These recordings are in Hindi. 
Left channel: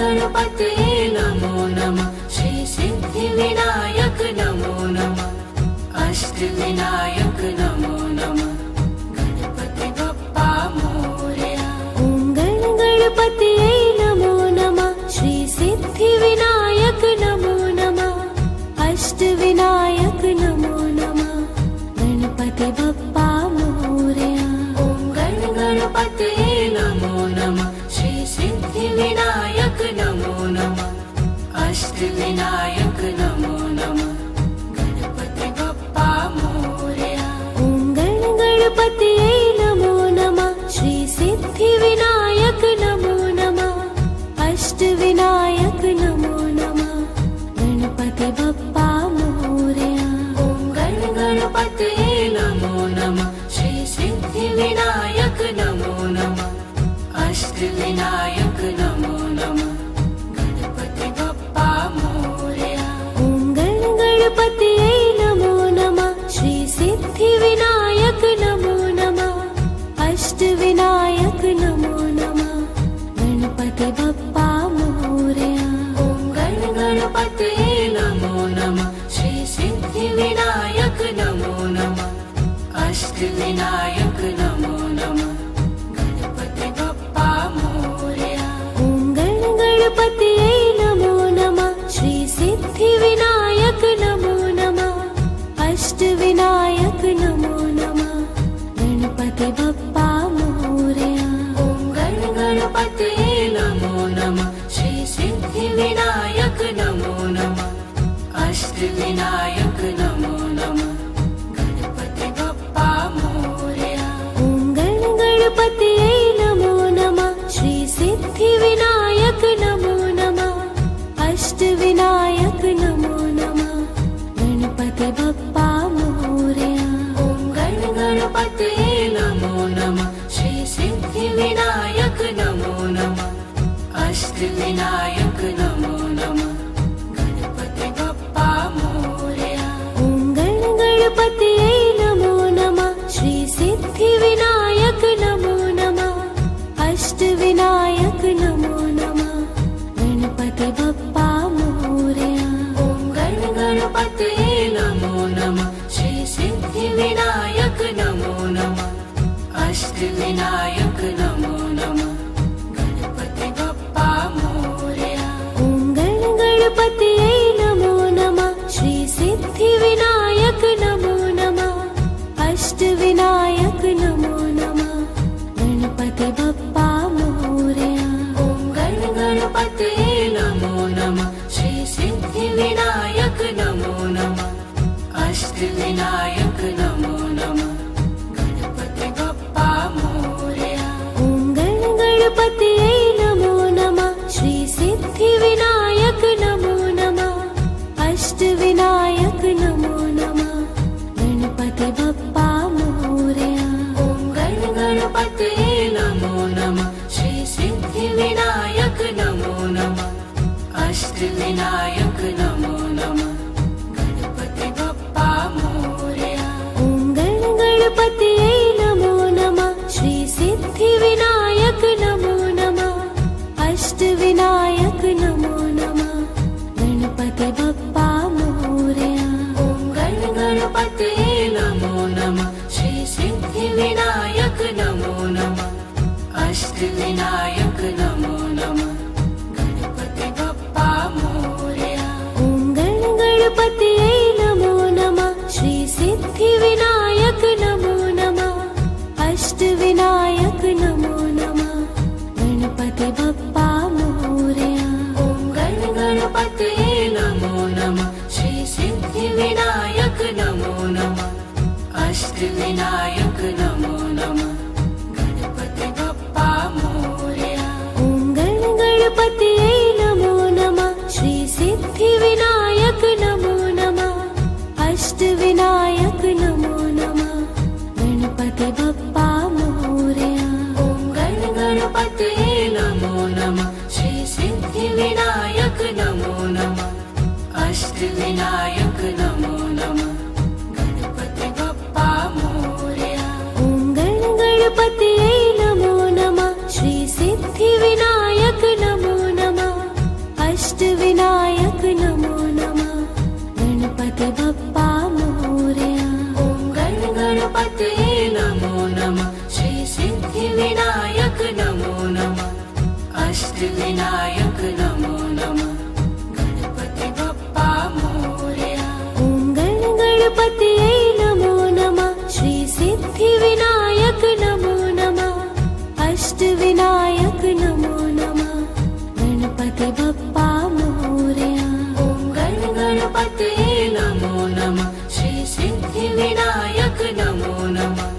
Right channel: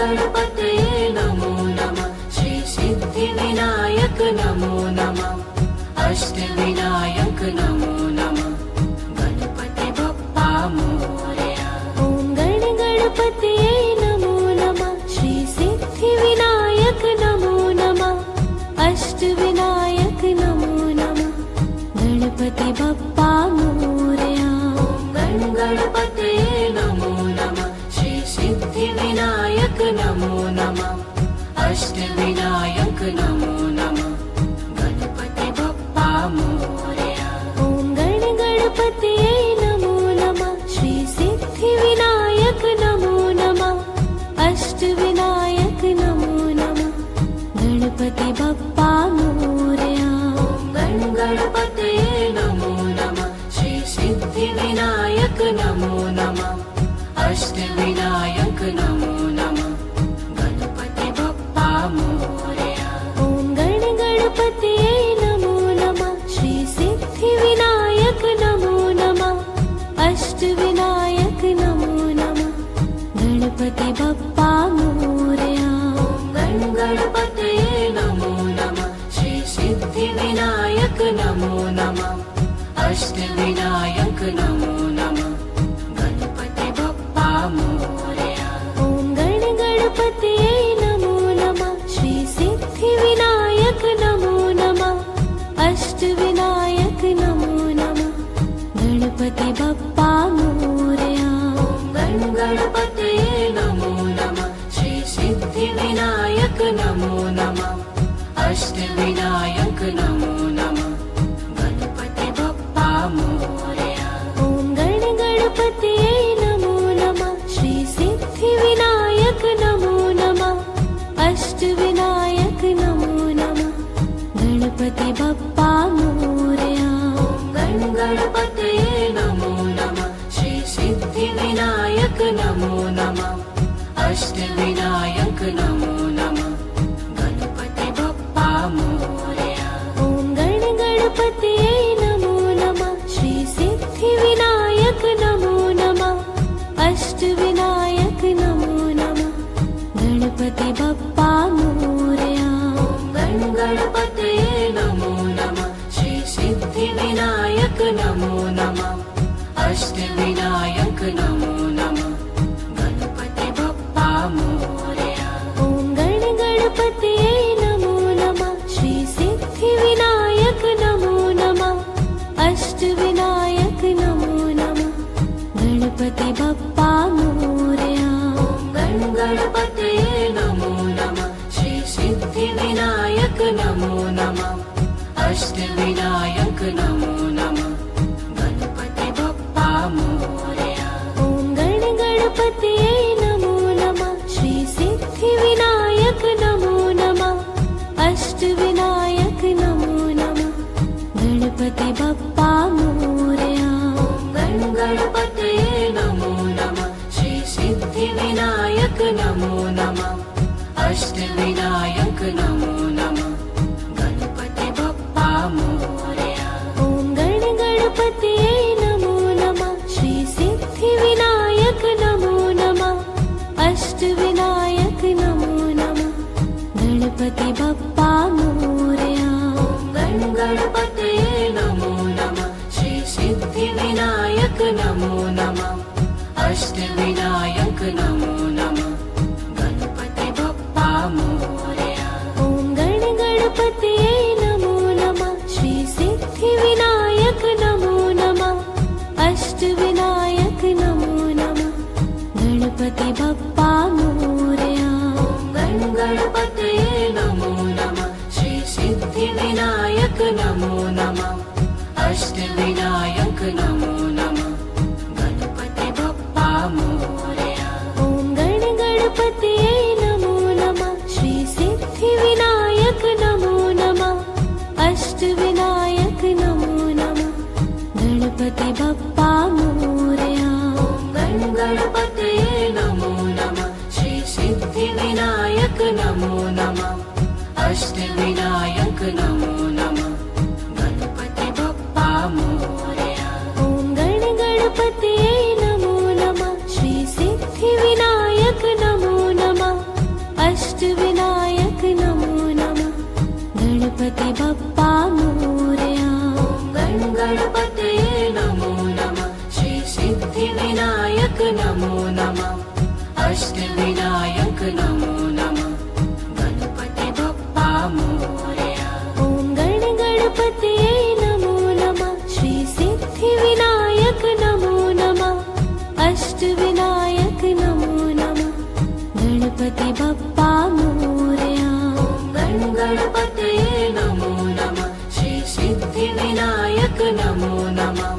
गणपतये नमो नमः। श्री सिद्धिविनायक नमो नमः। अष्टविनायक नमो नमः। गणपति बप्पा मोरया। ॐ गणपतये नमो नमः। श्री सिद्धिविनायक नमो नमः। अष्टविनायक नमो नमः। गणपति बप्पा मोरया। ॐ गणपतये नमो नमः। श्री सिद्धिविनायक नमो नमः। अष्टविनायक नमो नमः। गणपति बप्पा मोरया। ॐ गणपतये नमो नमः। श्री सिद्धिविनायक नमो नमः। अष्टविनायक नमो नमः। गणपति बप्पा मोरया। ॐ गणपतये नमो नमः। श्री सिद्धिविनायक नमो नमः। अष्टविनायक नमो नमः। गणपति बप्पा मोरया। ॐ गणपतये नमो नमः। श्री सिद्धिविनायक नमो नमः। अष्टविनायक नमो नमः। गणपति बप्पा मोरया। ॐ गणपतये नमो नमः। श्री सिद्धिविनायक नमो नमः। अष्टविनायक नमो नमः। गणपति बप्पा मोरया। ॐ गणपतये नमो नमः। श्री सिद्धिविनायक नमो नमः। अष्टविनायक नमो नमः। गणपति बप्पा मोरया। ॐ गणपतये नमो नमः। श्री सिद्धिविनायक नमो नमः। अष्टविनायक नमो नमः। गणपति बप्पा मोरया। ॐ गणपतये नमो नमः। श्री सिद्धिविनायक नमो नमः। अष्टविनायक नमो नमः। गणपति बप्पा मोरया। ॐ गणपतये नमो नमः। श्री सिद्धिविनायक नमो नमः। अष्टविनायक नमो नमः। गणपति बप्पा मोरया। ॐ गणपतये नमो नमः। श्री सिद्धिविनायक नमो नमः। अष्टविनायक नमो नमः। गणपति बप्पा मोरया। ॐ गणपतये नमो नमः। श्री सिद्धिविनायक नमो नमः। अष्टविनायक नमो नमः। गणपति बप्पा मोरया। ॐ गणपतये नमो नमः। श्री सिद्धिविनायक नमो नमः। अष्टविनायक नमो नमः। गणपति बप्पा मोरया। ॐ गणपतये नमो नमः। श्री सिद्धिविनायक नमो नमः। अष्टविनायक नमो नमः। गणपति बप्पा मोरया। ॐ गणपतये नमो नमः। श्री सिद्धिविनायक नमो नमः। अष्टविनायक नमो नमः। गणपति बप्पा मोरया। ॐ गणपतये नमो नमः। श्री सिद्धिविनायक नमो नमः। अष्टविनायक नमो नमः। गणपति बप्पा मोरया। ॐ गणपतये नमो नमः। श्री सिद्धिविनायक नमो नमः। अष्टविनायक नमो नमः। गणपति बप्पा मोरया। ॐ गणपतये नमो नमः। श्री सिद्धिविनायक नमो नमः। अष्टविनायक नमो नमः। गणपति बप्पा मोरया। ॐ गणपतये नमो नमः। श्री सिद्धिविनायक नमो नमः। अष्टविनायक नमो नमः। गणपति बप्पा मोरया। ॐ गणपतये नमो नमः। श्री सिद्धिविनायक नमो नमः। अष्टविनायक नमो नमः। गणपति बप्पा मोरया। ॐ गणपतये नमो नमः। श्री सिद्धिविनायक नमो नमः। अष्टविनायक नमो नमः। गणपति बप्पा मोरया। ॐ गणपतये नमो नमः। श्री सिद्धिविनायक नमो अष्टविनायक नमो नमः गणपति बप्पा मोरया ॐ गणपतये नमो नमः श्री सिद्धिविनायक नमो नमः अष्टविनायक नमो नमः गणपति बप्पा मोरया ॐ गणपतये नमो नमः श्री सिद्धिविनायक नमो नमः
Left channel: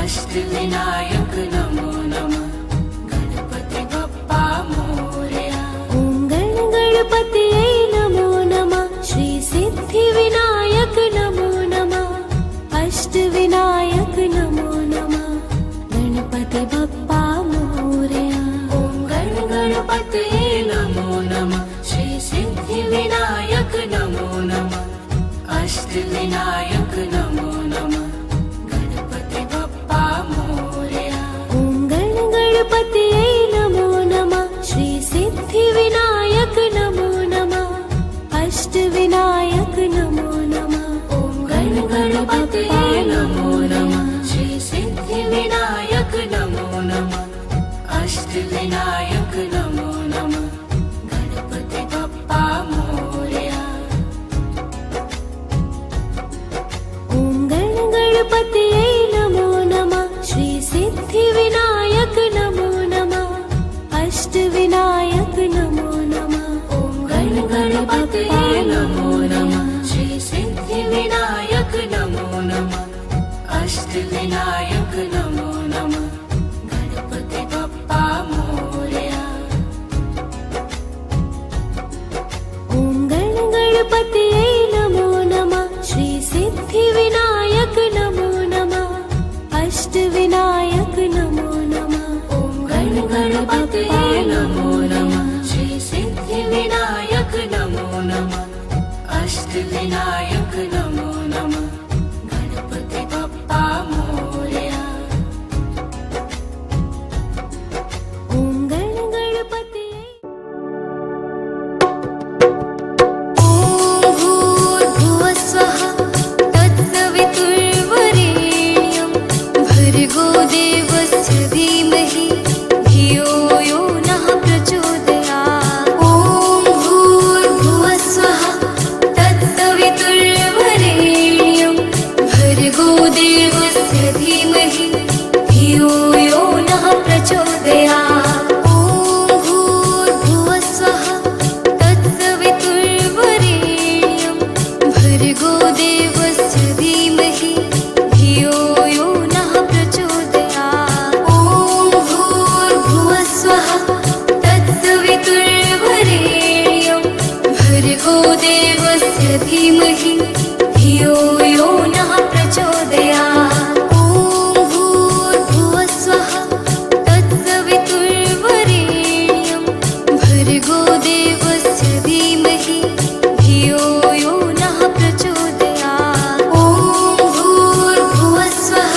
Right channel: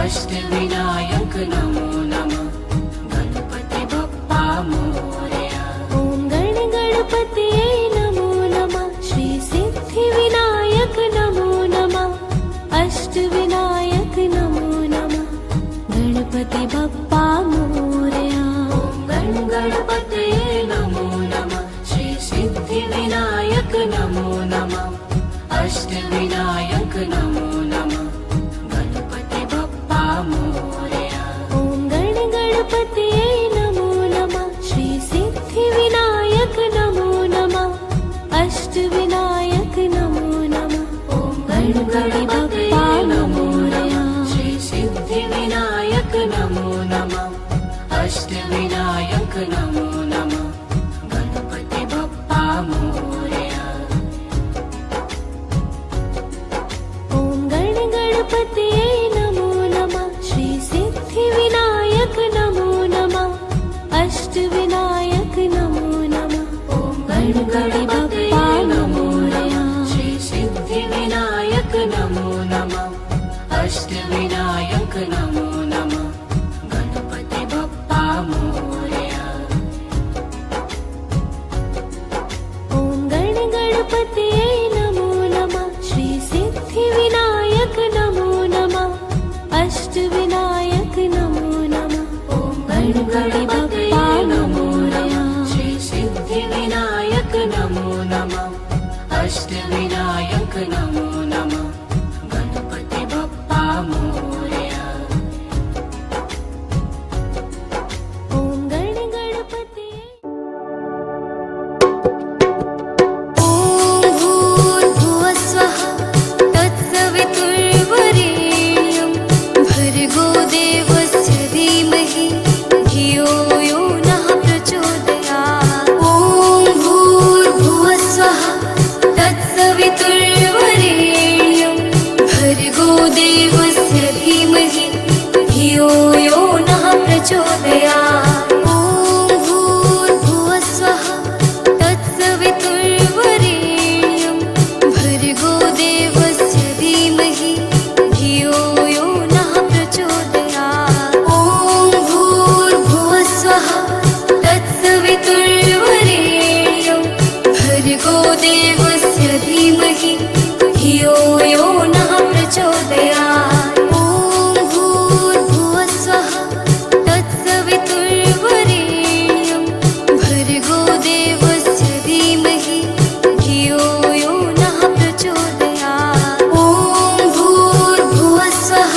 अष्टविनायक नमो नमः गणपति बप्पा मोरया ॐ गणपतये नमो नमः श्री सिद्धिविनायक नमो नमः अष्टविनायक नमो नमः गणपति बप्पा मोरया ॐ गणपतये नमो नमः श्री सिद्धिविनायक नमो नमः अष्टविनायक नमो नमः गणपति बप्पा मोरया ॐ गणपतये नमो नमः श्री सिद्धिविनायक नमो नमः अष्टविनायक नमो नमः ॐ गणपतये नमो नमः श्री सिद्धिविनायक नमो नमः अष्टविनायक नमो नमः गणपति बप्पा मोरया ॐ गणपतये नमो नमः श्री सिद्धिविनायक नमो नमः अष्टविनायक नमो नमः ॐ गणपतये नमो नमः श्री सिद्धिविनायक नमो नमः अष्टविनायक नमो नमः गणपति बप्पा मोरया ॐ गणपतये नमो नमः श्री सिद्धिविनायक नमो नमः अष्टविनायक नमो नमः ॐ गणपतये नमो नमः श्री सिद्धिविनायक नमो नमः अष्टविनायक नमो नमः गणपति बप्पा मोरया ॐ गणपतये ॐ भूर्भुवस्वः तत्सवितुर्वरेण्यं भर्गो देवस्य धीमहि धियो यो नः प्रचोदयात् ॐ भूर्भुवस्वः तत्सवितुर्वरेण्यं भर्गो देवस्य धीमहि धियो यो नः प्रचोदयात् ॐ भूर्भुवस्वः तत्सवितुर्वरेण्यं भर्गो देवस्य धीमहि धियो यो नः प्रचोदयात् ॐ भूर्भुवस्वः तत्सवितुर्वरेण्यं भर्गो देवस्य धीमहि धियो यो नः प्रचोदयात् ॐ भूर्भुवस्वः तत्सवितुर्वरेण्यं भर्गो देवस्य धीमहि धियो यो नः प्रचोदयात् ॐ भूर्भुवस्वः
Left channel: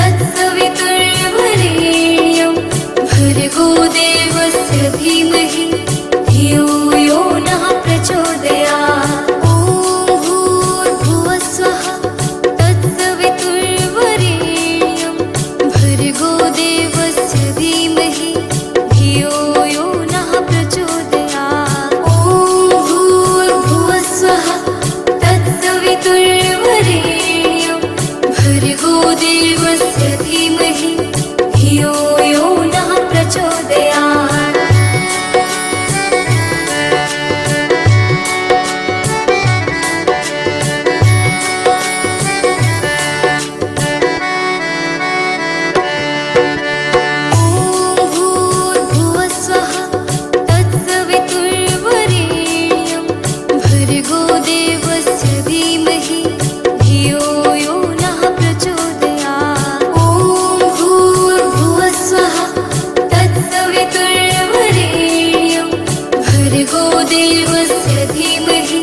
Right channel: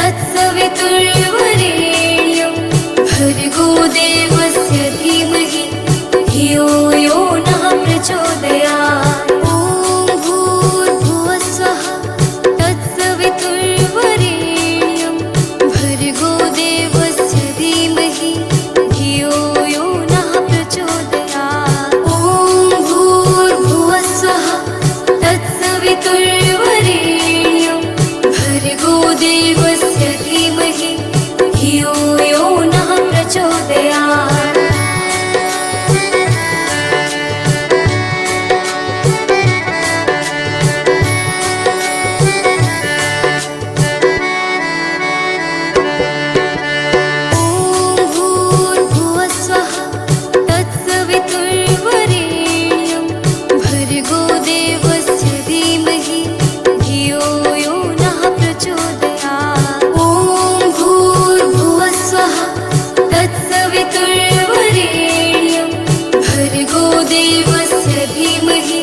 तत्सवितुर्वरेण्यं भर्गो देवस्य धीमहि धियो यो नः प्रचोदयात् ॐ भूर्भुवस्वः तत्सवितुर्वरेण्यं भर्गो देवस्य धीमहि धियो यो नः प्रचोदयात् ॐ भूर्भुवस्वः तत्सवितुर्वरेण्यं भर्गो देवस्य धीमहि धियो यो नः प्रचोदयात् ॐ भूर्भुवस्वः तत्सवितुर्वरेण्यं भर्गो देवस्य धीमहि धियो यो नः प्रचोदयात् ॐ भूर्भुवस्वः तत्सवितुर्वरेण्यं भर्गो देवस्य धीमहि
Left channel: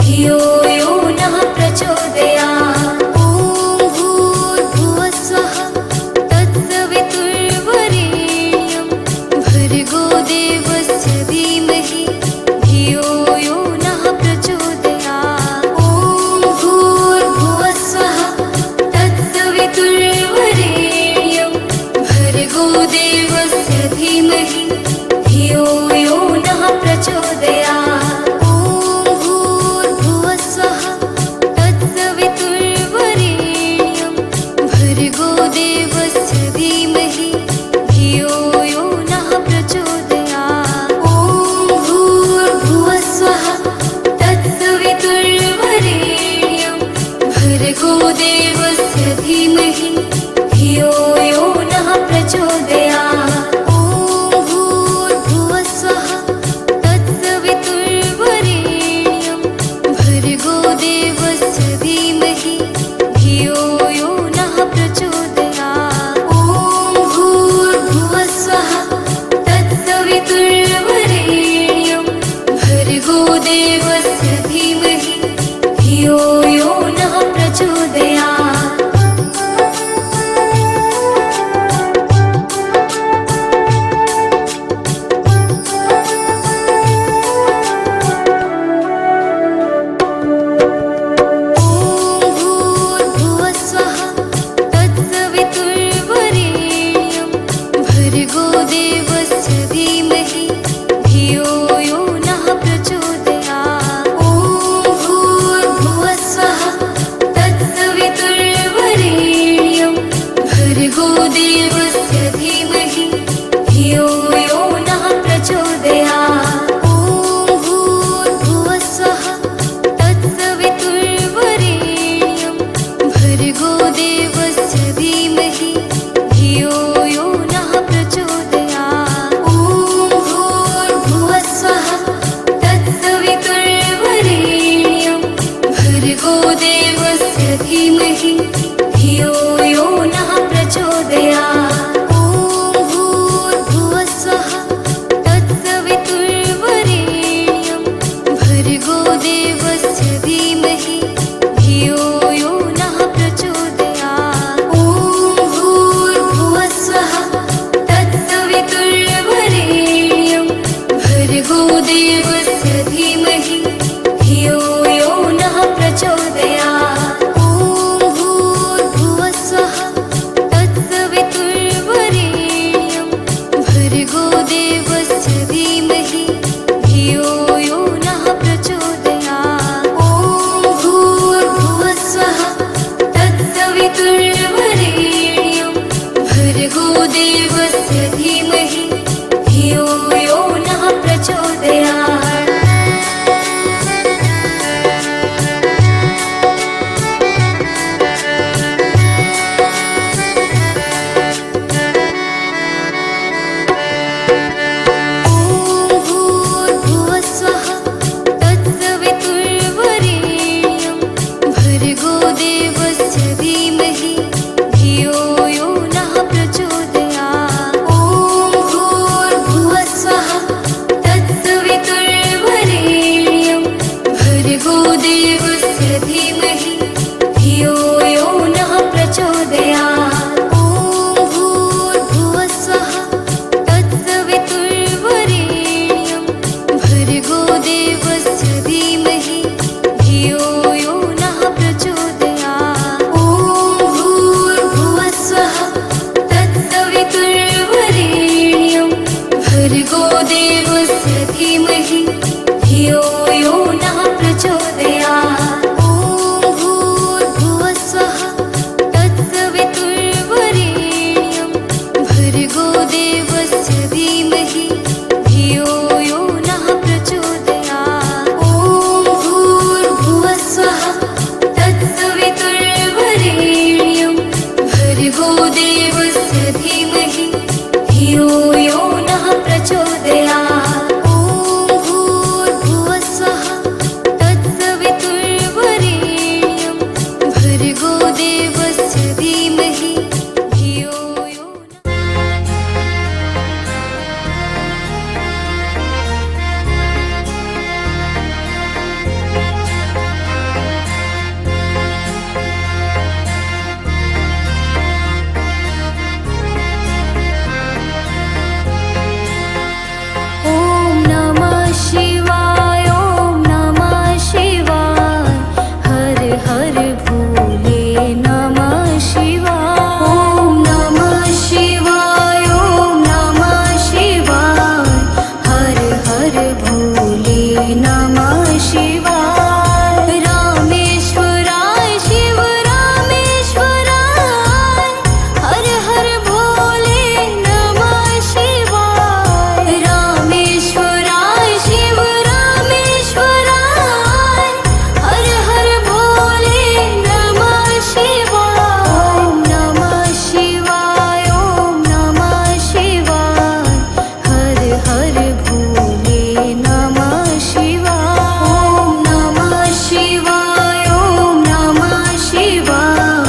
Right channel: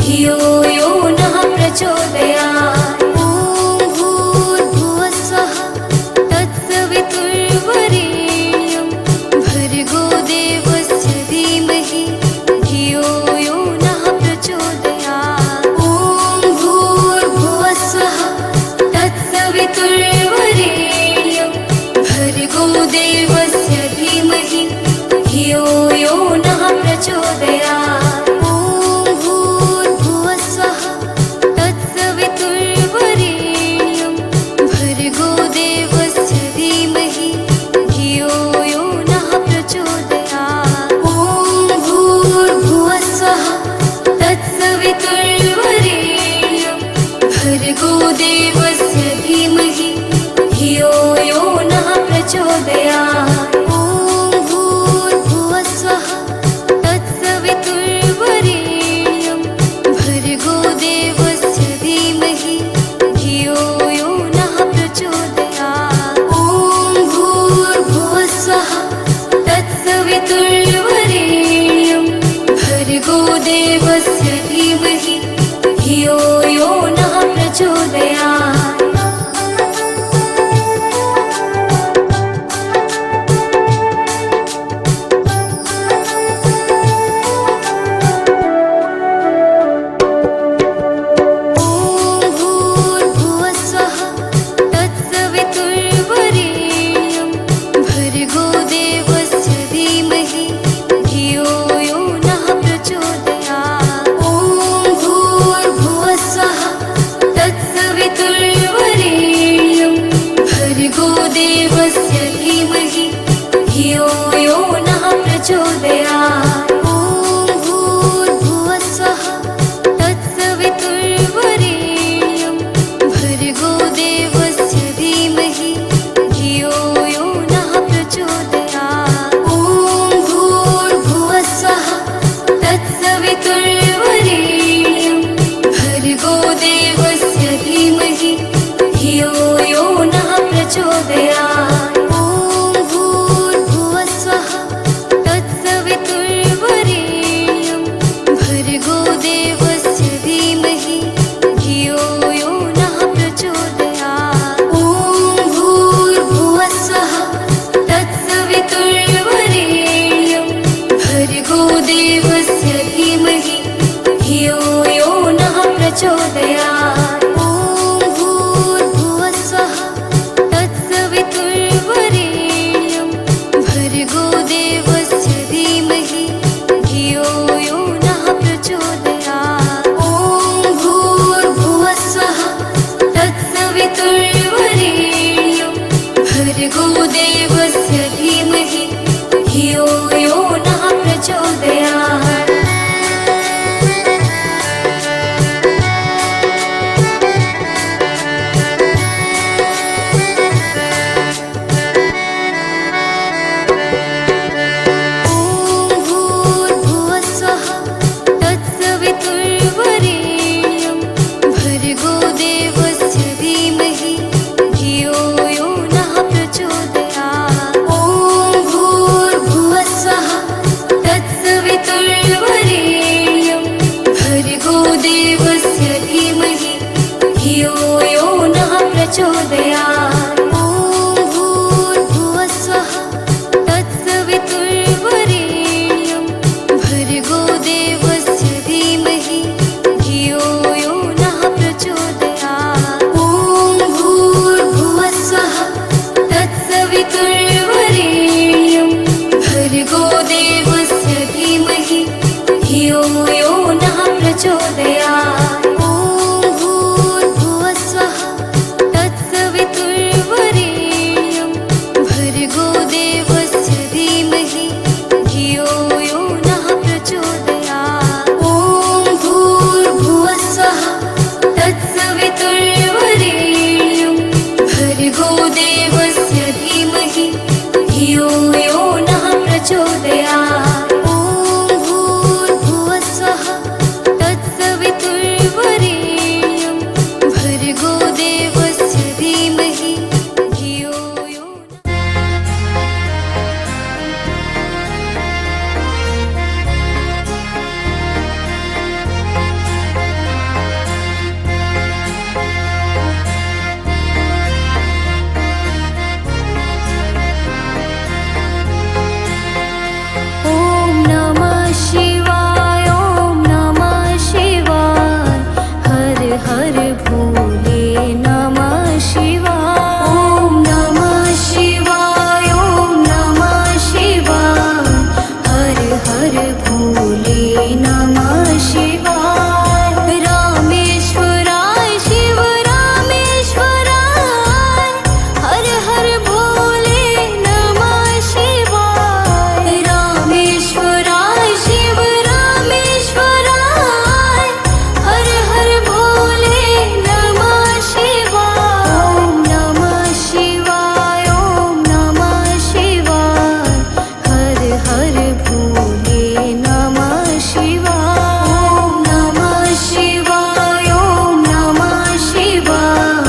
धियो यो नः प्रचोदयात् ॐ भूर्भुवस्वः तत्सवितुर्वरेण्यं भर्गो देवस्य धीमहि धियो यो नः प्रचोदयात् ॐ भूर्भुवस्वः तत्सवितुर्वरेण्यं भर्गो देवस्य धीमहि धियो धियो यो नः प्रचोदयात् ॐ भूर्भुवः स्वः तत्सवितुर्वरेण्यं भर्गो देवस्य धीमहि धियो यो नः प्रचोदयात् ॐ भूर्भुवः स्वः तत्सवितुर्वरेण्यं भर्गो देवस्य धीमहि धियो यो नः प्रचोदयात् ॐ भूर्भुवः स्वः तत्सवितुर्वरेण्यं भर्गो देवस्य धीमहि धियो यो नः प्रचोदयात् ॐ भूर्भुवः स्वः तत्सवितुर्वरेण्यं भर्गो देवस्य धीमहि धियो यो नः प्रचोदयात् भर्गो देवस्य धीमहि धियो यो नः प्रचोदयात् ॐ भूर्भुवः स्वः तत्सवितुर्वरेण्यं भर्गो देवस्य धीमहि धियो यो नः प्रचोदयात् ॐ भूर्भुवः स्वः तत्सवितुर्वरेण्यं भर्गो देवस्य धीमहि धियो यो नः प्रचोदयात् ॐ भूर्भुवः स्वः तत्सवितुर्वरेण्यं भर्गो देवस्य धीमहि धियो यो नः प्रचोदयात् ॐ भूर्भुवः स्वः तत्सवितुर्वरेण्यं भर्गो देवस्य धीमहि धियो यो नः प्रचोदयात् ॐ भूर्भुवः स्वः तत्सवितुर्वरेण्यं भर्गो देवस्य धीमहि धियो यो नः प्रचोदयात् ॐ भूर्भुवः स्वः तत्सवितुर्वरेण्यं भर्गो देवस्य धीमहि धियो यो नः प्रचोदयात् ॐ भूर्भुवः स्वः तत्सवितुर्वरेण्यं भर्गो देवस्य धीमहि धियो यो नः प्रचोदयात् भर्गो देवस्य धीमहि धियो यो नः प्रचोदयात् ॐ भूर्भुवः स्वः तत्सवितुर्वरेण्यं भर्गो देवस्य धीमहि धियो यो नः प्रचोदयात् ॐ भूर्भुवः स्वः तत्सवितुर्वरेण्यं भर्गो देवस्य धीमहि धियो यो नः प्रचोदयात् ॐ भूर्भुवः स्वः तत्सवितुर्वरेण्यं भर्गो देवस्य धीमहि धियो यो नः प्रचोदयात् ॐ भूर्भुवः स्वः तत्सवितुर्वरेण्यं भर्गो देवस्य धीमहि धियो यो नः प्रचोदयात् ॐ भूर्भुवः स्वः तत्सवितुर्वरेण्यं भर्गो देवस्य धीमहि धियो यो नः प्रचोदयात् ॐ भूर्भुवः स्वः तत्सवितुर्वरेण्यं भर्गो देवस्य धीमहि धियो यो शिवाय ॐ नमः शिवाय हर हर भोले नमः शिवाय ॐ नमः शिवाय ॐ नमः शिवाय हर भोले नमः शिवाय रामेश्वराय शिव रामेश्वराय हर हर भोले नमः शिवाय रामेश्वराय शिव रामेश्वराय हर हर भोले नमः शिवाय ओम नमः शिवाय ओम नमः शिवाय हर हर भोले नमः शिवाय ओम नमः शिवाय ओम नमः शिवाय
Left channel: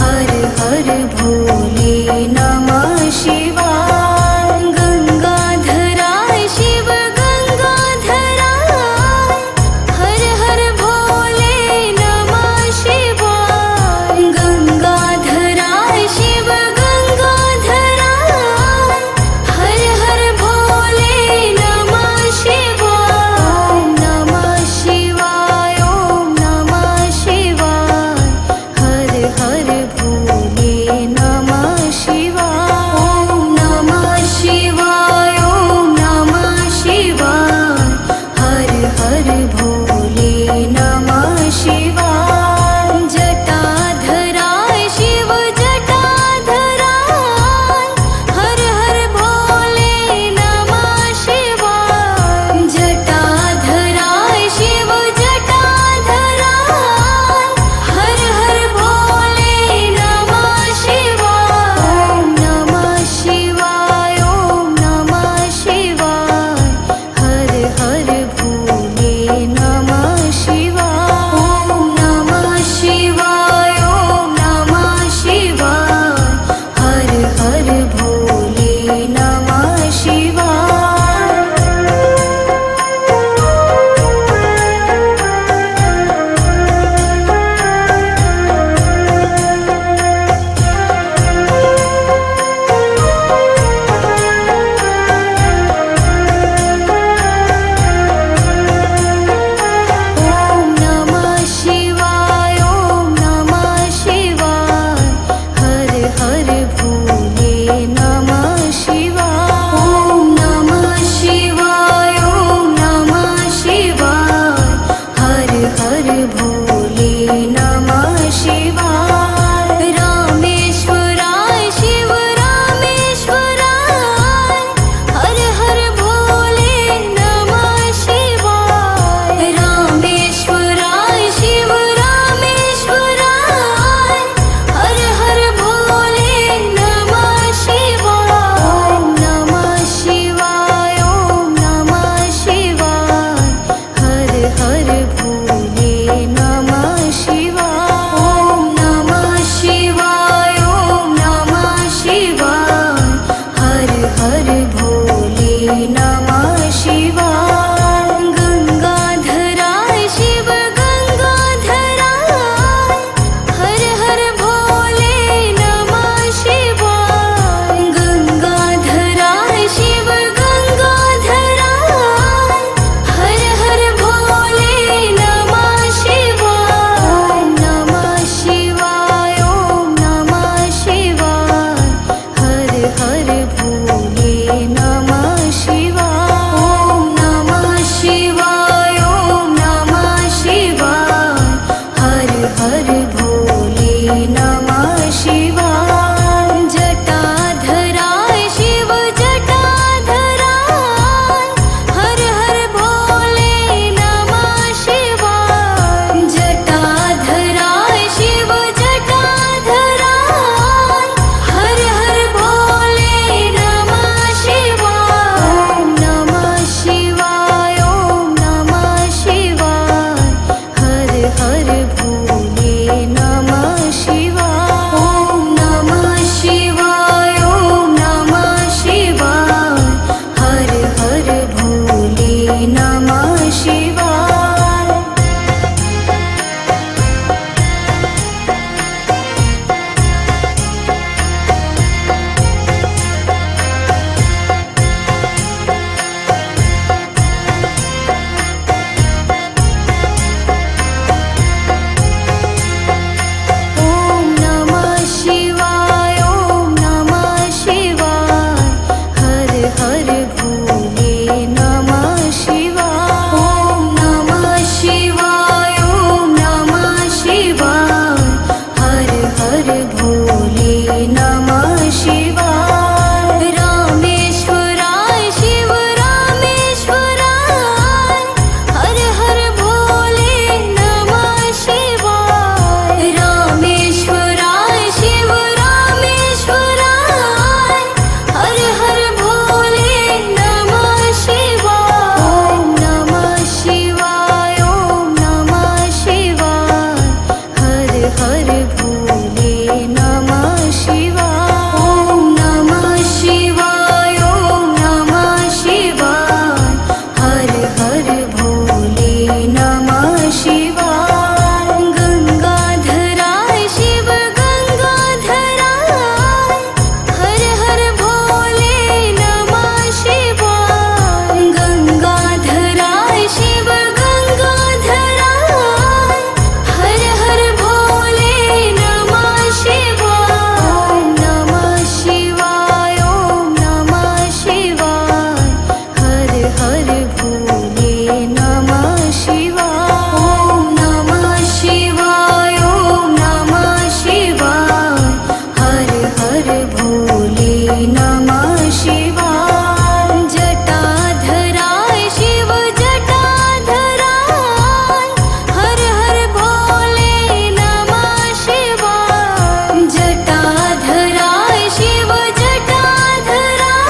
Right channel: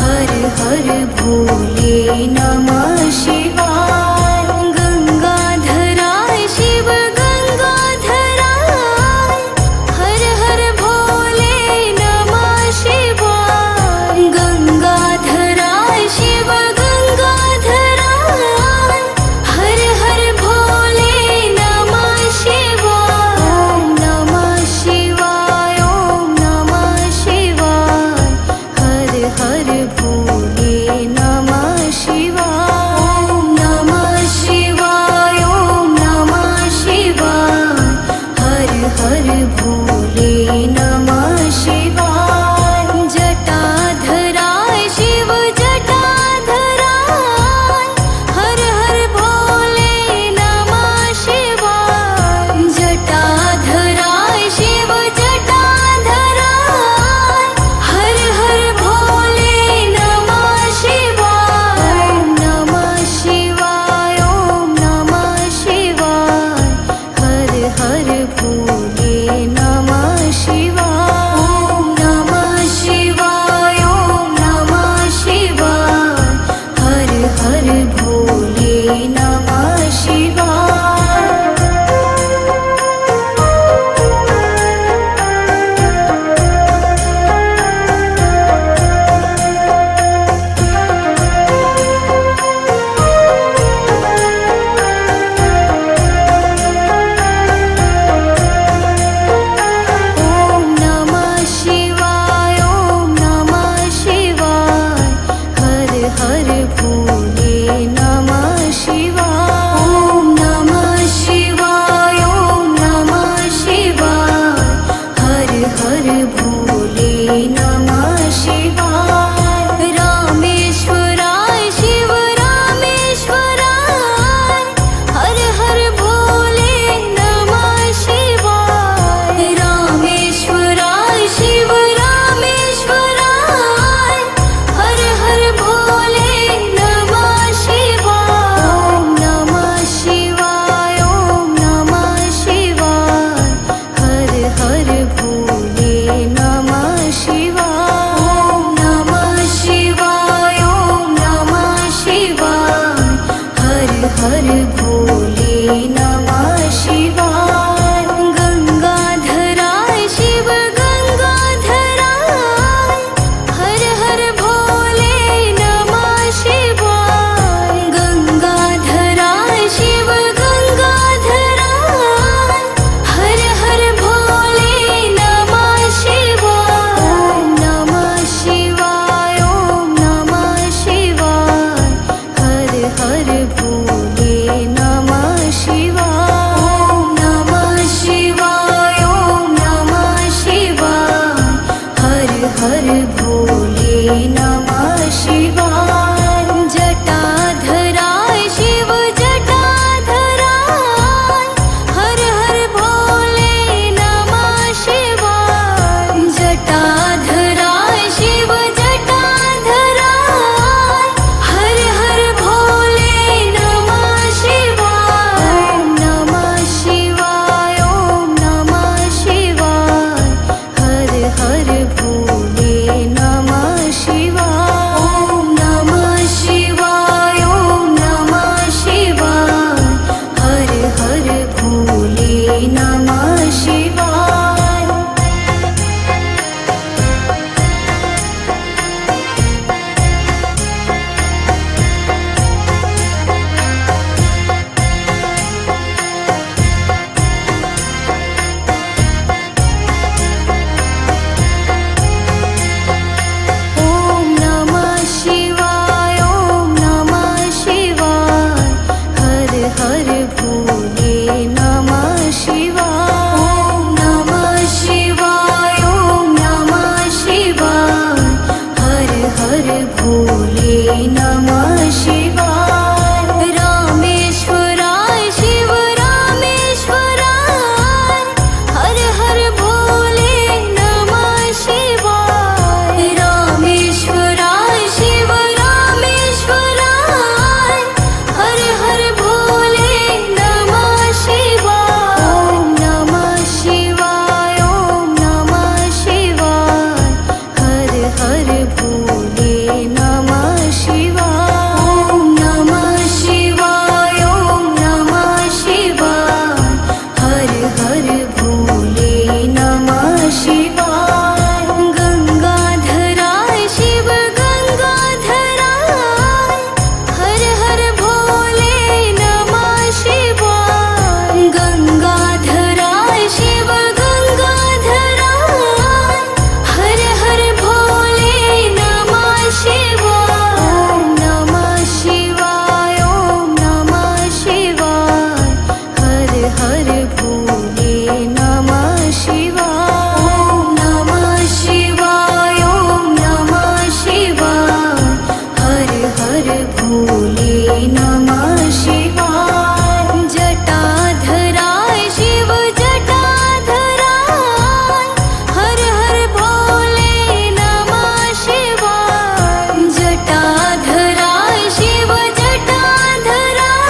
हर हर भोले नमः शिवाय गंगाधराय शिव गंगाधराय हर हर भोले नमः शिवाय गंगाधराय शिव गंगाधराय हर हर भोले नमः शिवाय ओम नमः शिवाय ओम नमः शिवाय हर हर भोले नमः शिवाय ओम नमः शिवाय ओम नमः शिवाय हर हर भोले नमः शिवाय जटाधराय शिव जटाधराय हर हर भोले नमः शिवाय जटाधराय शिव जटाधराय हर हर भोले नमः शिवाय ओम नमः शिवाय ओम नमः शिवाय हर हर भोले नमः शिवाय ओम नमः शिवाय ओम नमः शिवाय हर हर भोले नमः शिवाय ओम नमः शिवाय ओम नमः शिवाय हर हर भोले नमः शिवाय ओम नमः शिवाय ओम नमः शिवाय हर हर भोले नमः शिवाय रामेश्वराय शिव रामेश्वराय हर हर भोले नमः शिवाय रामेश्वराय शिव रामेश्वराय हर हर भोले नमः शिवाय ओम नमः शिवाय ओम नमः शिवाय हर हर भोले नमः शिवाय ओम नमः भोले नमः शिवाय ॐ नमः शिवाय ॐ नमः शिवाय हर हर भोले नमः शिवाय जटाधराय शिव जटाधराय हर हर भोले नमः शिवाय जटाधराय शिव जटाधराय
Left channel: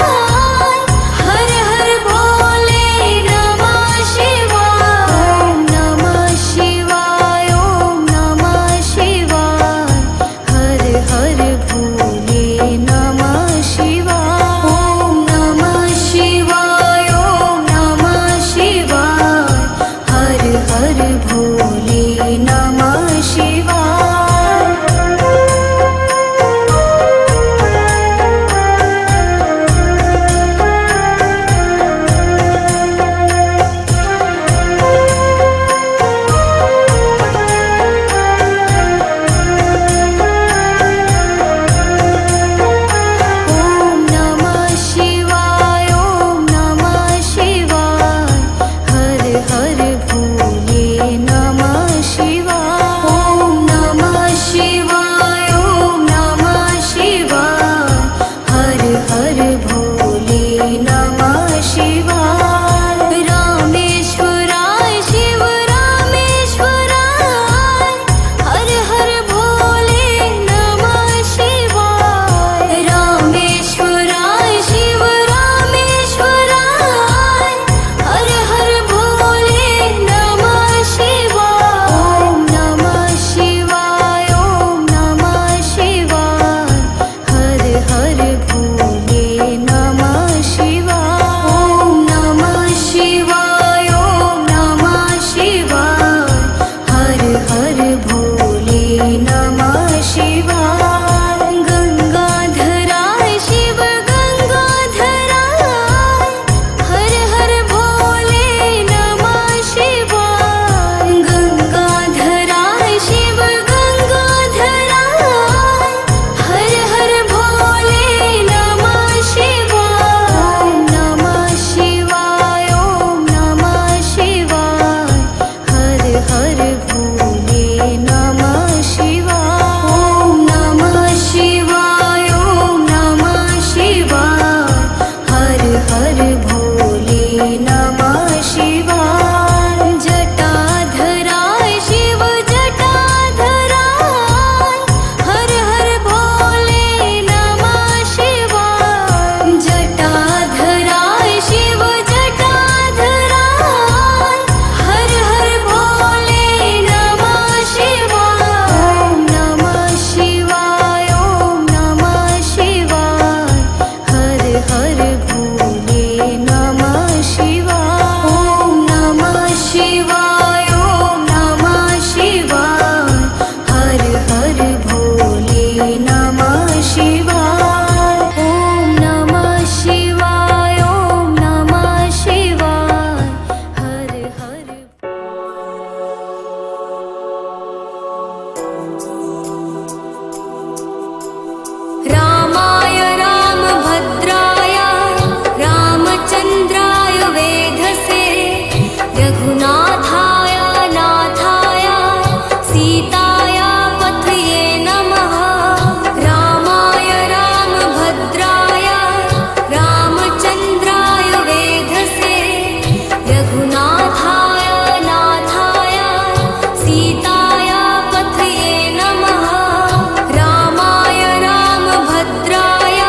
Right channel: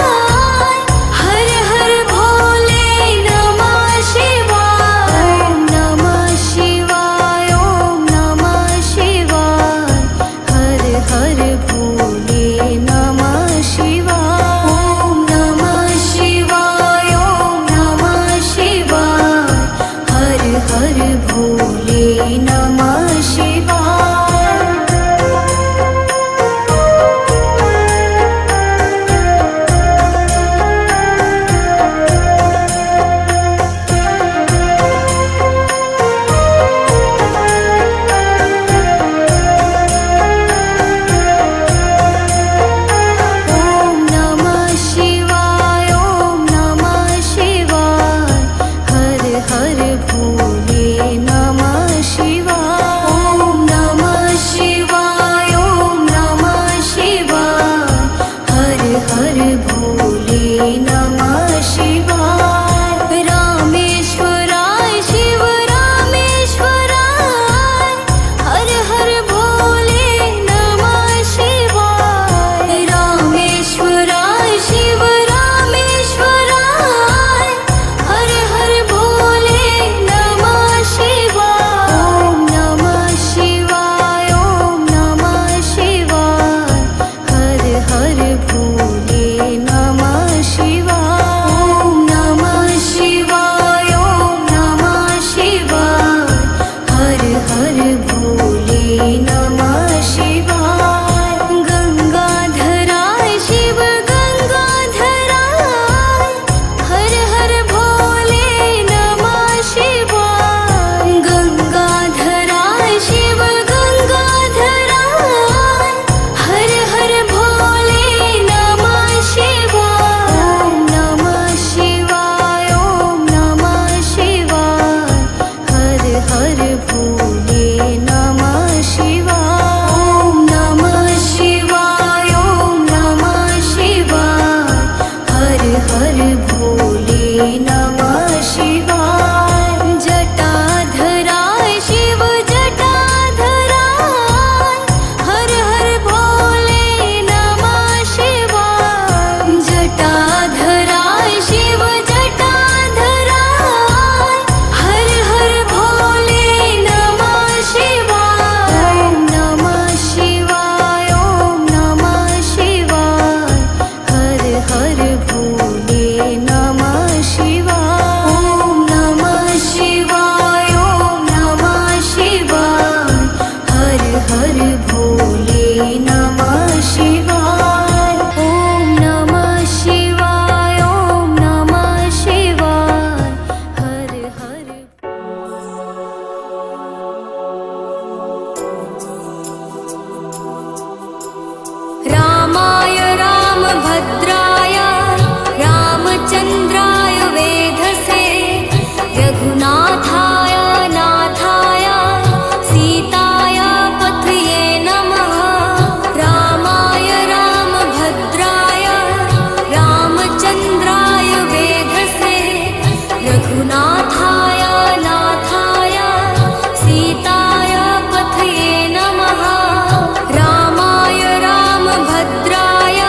हर हर भोले नमः शिवाय ॐ नमः शिवाय ॐ नमः शिवाय हर हर भोले नमः शिवाय ॐ नमः शिवाय ॐ नमः शिवाय हर हर भोले नमः शिवाय ॐ नमः शिवाय ॐ नमः शिवाय हर हर भोले नमः शिवाय ॐ नमः शिवाय ॐ नमः शिवाय हर हर भोले नमः शिवाय रामेश्वराय शिव रामेश्वराय हर हर भोले नमः शिवाय रामेश्वराय शिव रामेश्वराय हर हर भोले नमः शिवाय ॐ नमः शिवाय ॐ नमः शिवाय हर हर भोले नमः शिवाय ॐ नमः शिवाय ॐ नमः शिवाय हर हर भोले नमः शिवाय गंगाधराय शिव गंगाधराय हर हर भोले नमः शिवाय गंगाधराय शिव गंगाधराय हर हर भोले नमः शिवाय ॐ नमः शिवाय ॐ नमः शिवाय हर हर भोले नमः शिवाय ॐ नमः शिवाय ॐ नमः शिवाय हर हर भोले नमः शिवाय जटाधराय शिव जटाधराय हर हर भोले नमः शिवाय जटाधराय शिव जटाधराय हर हर भोले नमः शिवाय ॐ नमः शिवाय ॐ नमः शिवाय हर हर भोले नमः शिवाय ॐ नमः शिवाय ॐ नमः शिवाय हर हर भोले नमः शिवाय ॐ नमः शिवाय ॐ नमः शिवाय हर हर रामाय रामभद्राय रामचन्द्राय वेधसे रघुनाथाय नाथाय सीताय पथये नमः रामाय रामभद्राय रामचन्द्राय वेधसे रघुनाथाय नाथाय सीताय पथये नमः रामाय रामभद्राय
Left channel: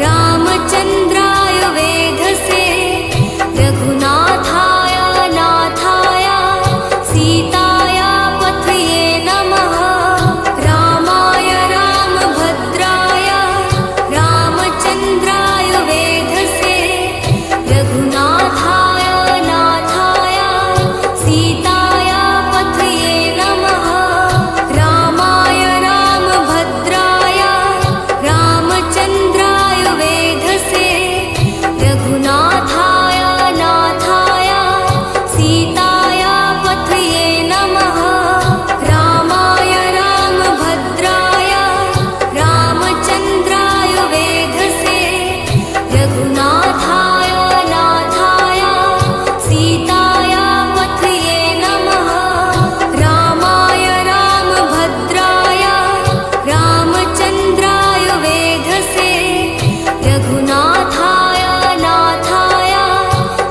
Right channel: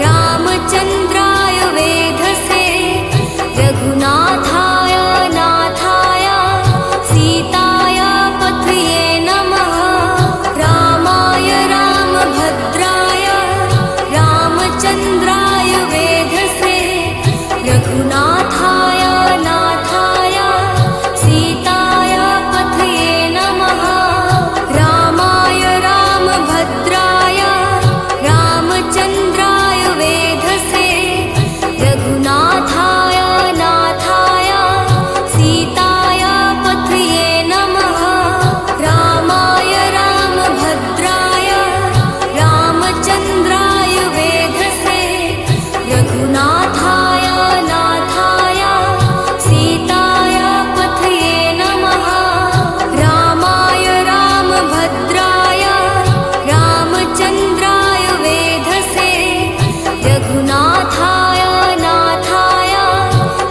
रामचन्द्राय वेधसे रघुनाथाय नाथाय सीताय पथये नमः रामाय रामभद्राय रामचन्द्राय वेधसे रघुनाथाय नाथाय सीताय पथये नमः रामाय रामभद्राय रामचन्द्राय वेधसे रघुनाथाय नाथाय सीताय पथये नमः रामाय राम भद्राय रामचन्द्राय वेधसे रघुनाथाय नाथाय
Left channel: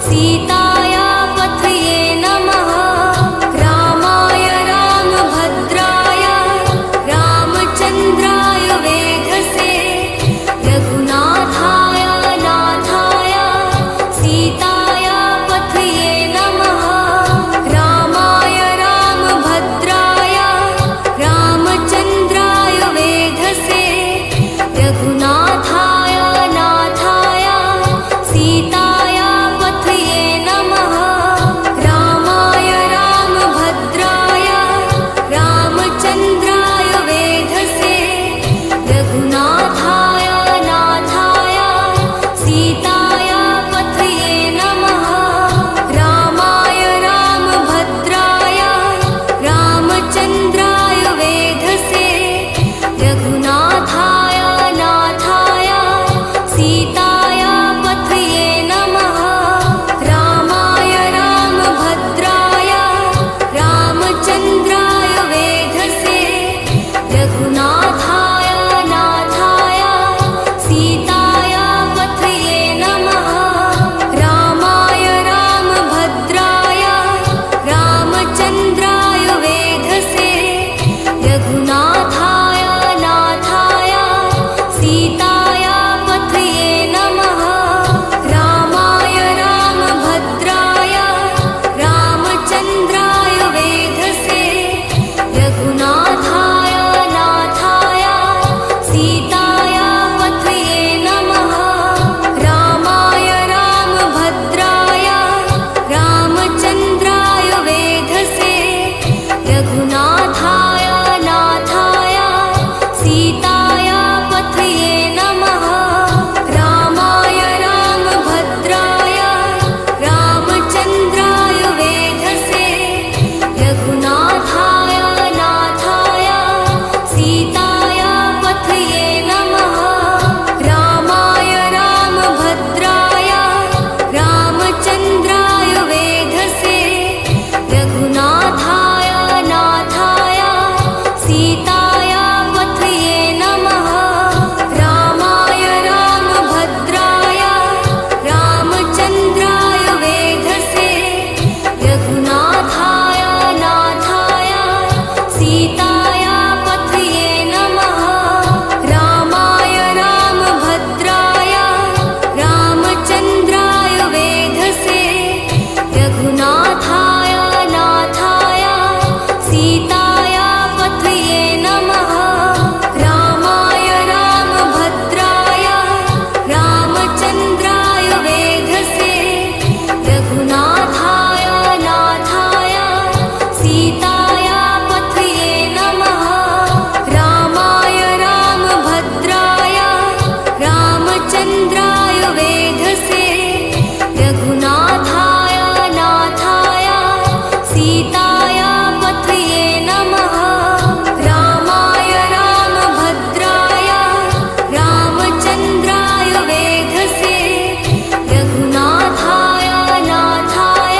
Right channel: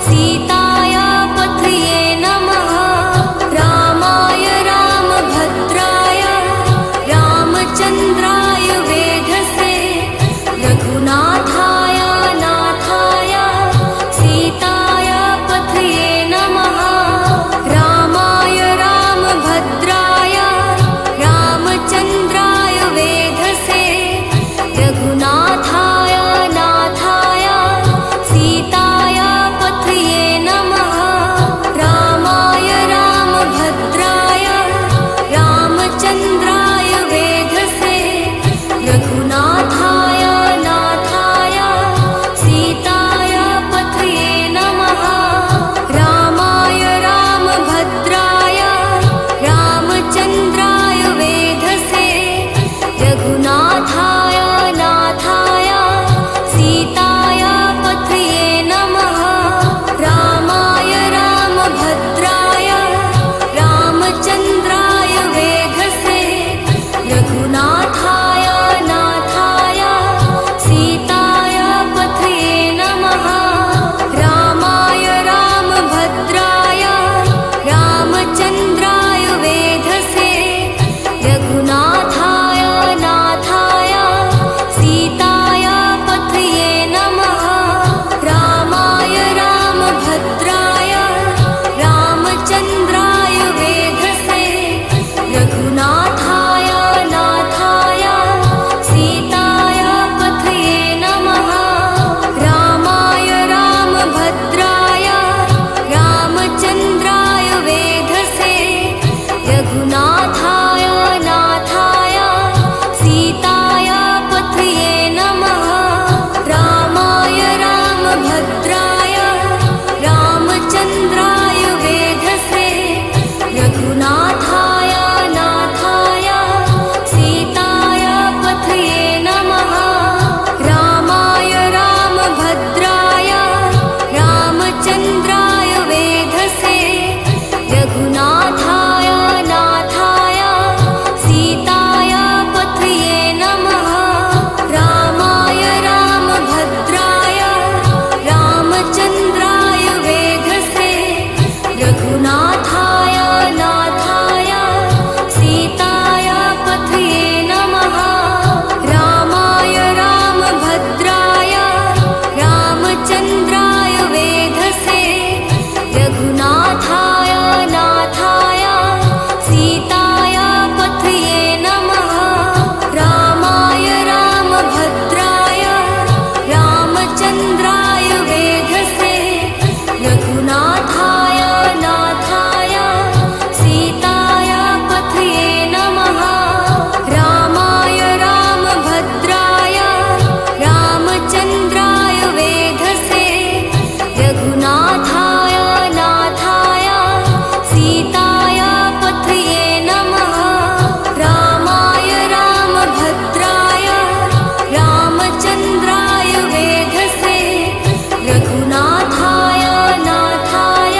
सीताय पथये नमः। रामाय रामभद्राय रामचन्द्राय वेधसे रघुनाथाय नाथाय सीताय पथये नमः। रामाय रामभद्राय रामचन्द्राय वेधसे रघुनाथाय नाथाय सीताय पथये नमः। रामाय रामभद्राय रामचन्द्राय वेधसे रघुनाथाय नाथाय सीताय पथये नमः। रामाय रामभद्राय रामचन्द्राय वेधसे रघुनाथाय नाथाय सीताय पथये नमः। रामाय रामभद्राय रामचन्द्राय वेधसे रघुनाथाय नाथाय सीताय पथये नमः। रामाय रामभद्राय रामचन्द्राय वेधसे रघुनाथाय नाथाय सीताय पथये नमः। रामाय रामभद्राय रामचन्द्राय वेधसे रघुनाथाय नाथाय सीताय पथये नमः। रामाय रामभद्राय रामचन्द्राय वेधसे रघुनाथाय नाथाय सीताय पथये नमः। रामाय रामभद्राय रामचन्द्राय वेधसे रघुनाथाय नाथाय सीताय पथये नमः। रामाय रामभद्राय रामचन्द्राय वेधसे रघुनाथाय नाथाय सीताय पथये नमः। रामाय रामभद्राय रामचन्द्राय वेधसे रघुनाथाय नाथाय सीताय पथये नमः। रामाय रामभद्राय रामचन्द्राय वेधसे रघुनाथाय नाथाय सीताय पथये नमः। रामाय रामभद्राय रामचन्द्राय वेधसे रघुनाथाय नाथाय सीताय पथये नमः। रामाय रामभद्राय रामचन्द्राय वेधसे रघुनाथाय नाथाय सीताय पथये नमः। रामाय रामभद्राय रामचन्द्राय वेधसे रघुनाथाय नाथाय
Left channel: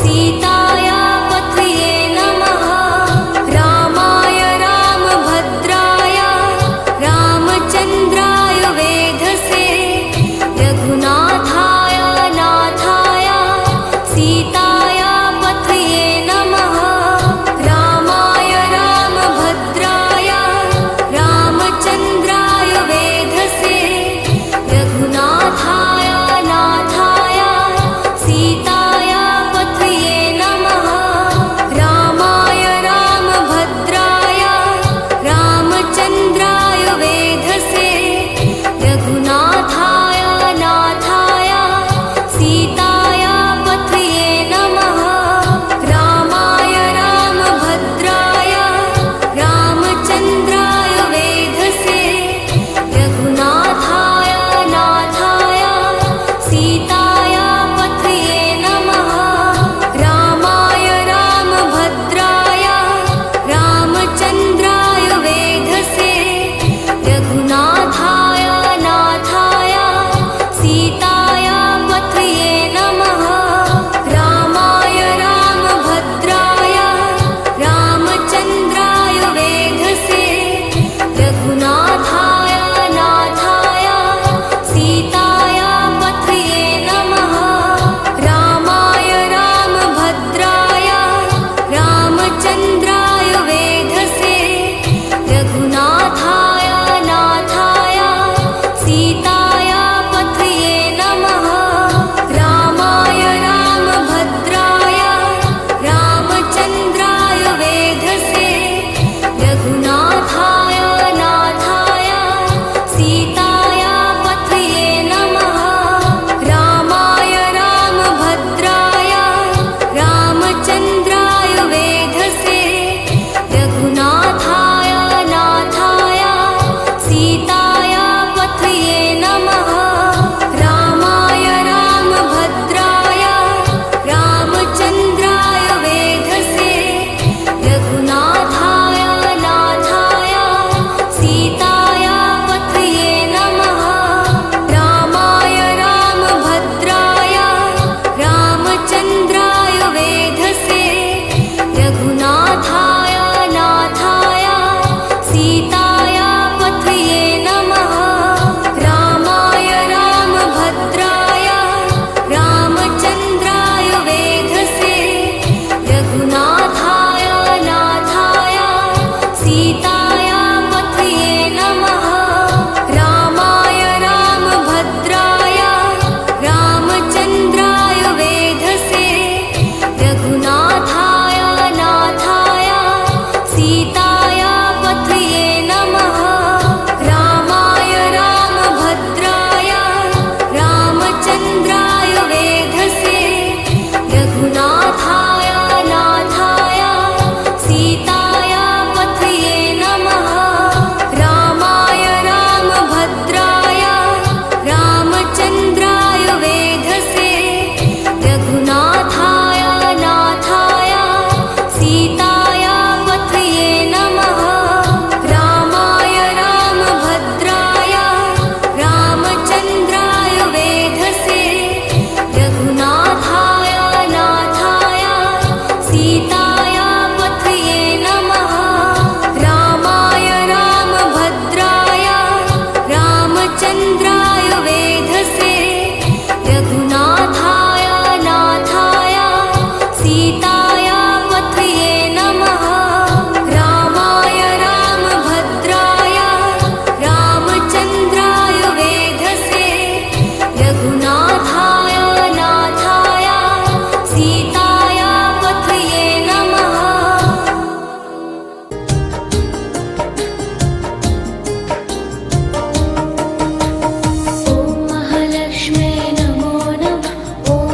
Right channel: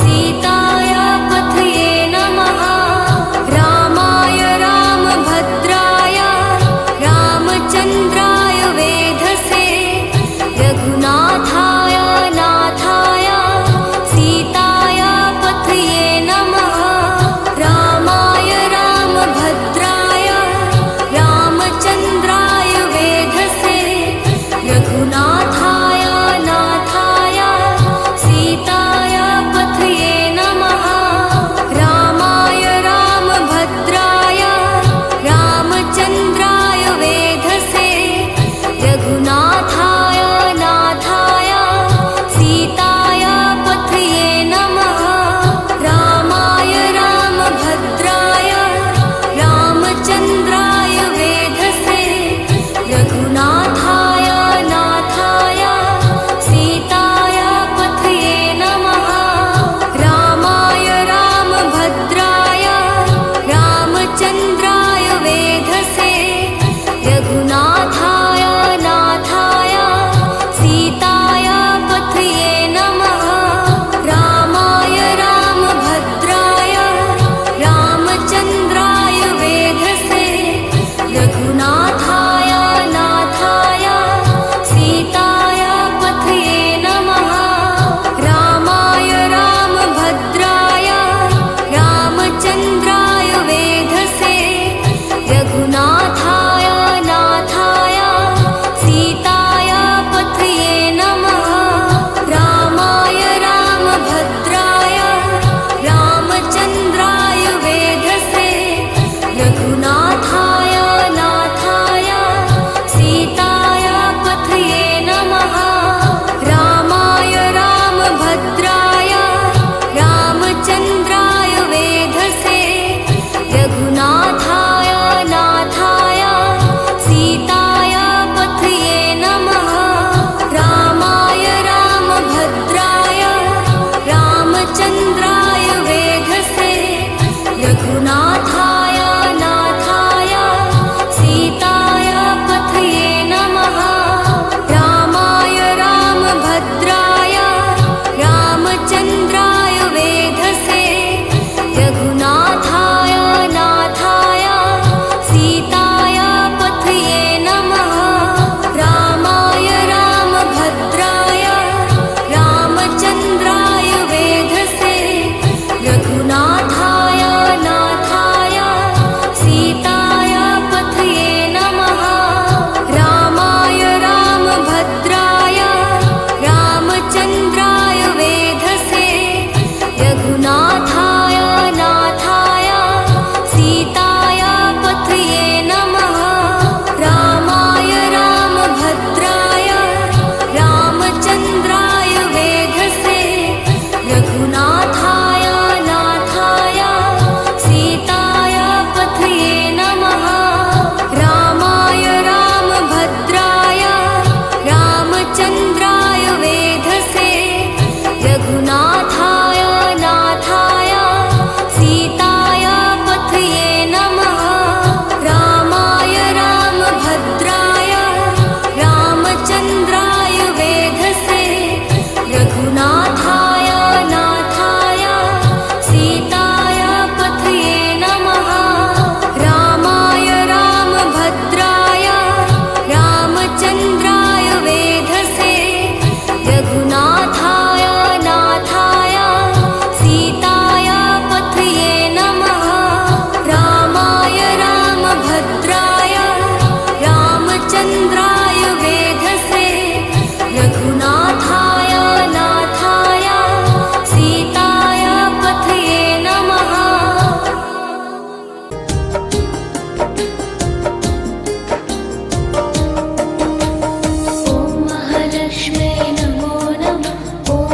सीताय पथये नमः। रामाय रामभद्राय रामचन्द्राय वेधसे रघुनाथाय नाथाय सीताय पथये नमः। रामाय रामभद्राय रामचन्द्राय वेधसे रघुनाथाय नाथाय सीताय पथये नमः। रामाय रामभद्राय रामचन्द्राय वेधसे रघुनाथाय नाथाय सीताय पथये नमः। रामाय रामभद्राय रामचन्द्राय वेधसे रघुनाथाय नाथाय सीताय पथये नमः। रामाय रामभद्राय रामचन्द्राय वेधसे रघुनाथाय नाथाय सीताय पथये नमः। रामाय रामभद्राय रामचन्द्राय वेधसे रघुनाथाय नाथाय सीताय पथये नमः रामाय रामभद्राय रामचन्द्राय वेधसे रघुनाथाय नाथाय सीताय पथये नमः रामाय रामभद्राय रामचन्द्राय वेधसे रघुनाथाय नाथाय सीताय पथये नमः रामाय रामभद्राय रामचन्द्राय वेधसे रघुनाथाय नाथाय सीताय पथये नमः रामाय रामभद्राय रामचन्द्राय वेधसे रघुनाथाय नाथाय सीताय पथये नमः रामाय रामभद्राय रामचन्द्राय वेधसे रघुनाथाय नाथाय सीताय पथये नमः रामाय रामभद्राय रामचन्द्राय वेधसे रघुनाथाय नाथाय सीताय पथये नमः रामाय रामभद्राय रामचन्द्राय वेधसे रघुनाथाय नाथाय सीताय पथये नमः रामाय रामभद्राय रामचन्द्राय वेधसे रघुनाथाय नाथाय सीताय पथये नमः रामाय रामभद्राय रामचन्द्राय वेधसे रघुनाथाय नाथाय सीताय पथये नमः रामाय रामभद्राय रामचन्द्राय वेधसे रघुनाथाय नाथाय सीताय पथये नमः रामाय रामभद्राय रामचन्द्राय वेधसे रघुनाथाय नाथाय सीताय पथये नमः ॐ महालक्ष्म्यै नमो नमः। ॐ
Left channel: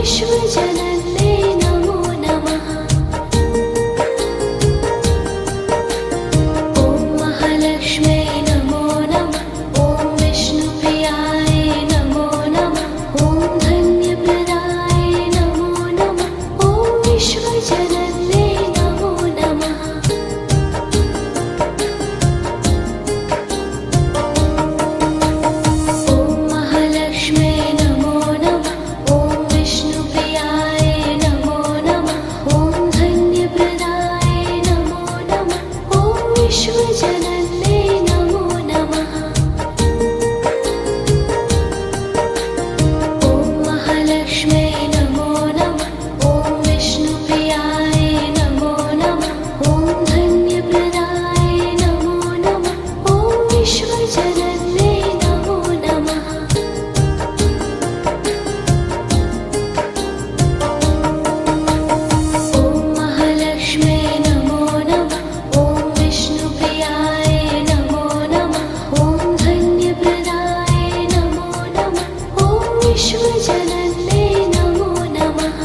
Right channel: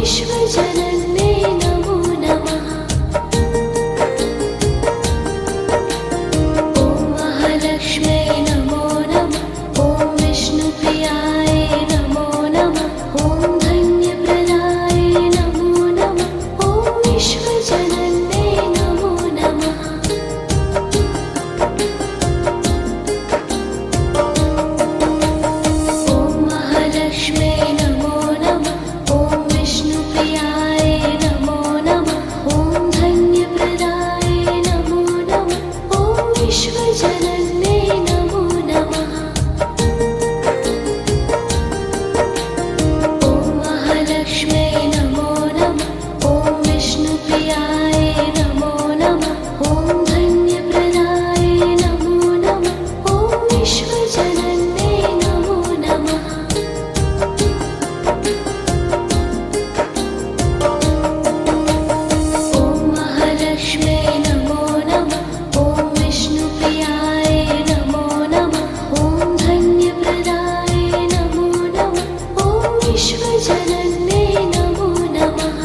विश्वजनन्ये नमो नमः। ॐ महालक्ष्म्यै नमो नमः। ॐ विष्णुप्रियाय नमो नमः। ॐ धन्यप्रदाय नमो नमः। ॐ विश्वजनन्ये नमो नमः। ॐ महालक्ष्म्यै नमो नमः। ॐ विष्णुप्रियाय नमो नमः। ॐ धन्यप्रदाय नमो नमः। ॐ विश्वजनन्ये नमो नमः। ॐ महालक्ष्म्यै नमो नमः। ॐ विष्णुप्रियाय नमो नमः। ॐ धन्यप्रदाय नमो नमः। ॐ विश्वजनन्ये नमो नमः। ॐ महालक्ष्म्यै नमो नमः। ॐ विष्णुप्रियाय नमो नमः। ॐ धन्यप्रदाय नमो नमः। ॐ विश्वजनन्ये नमो नमः।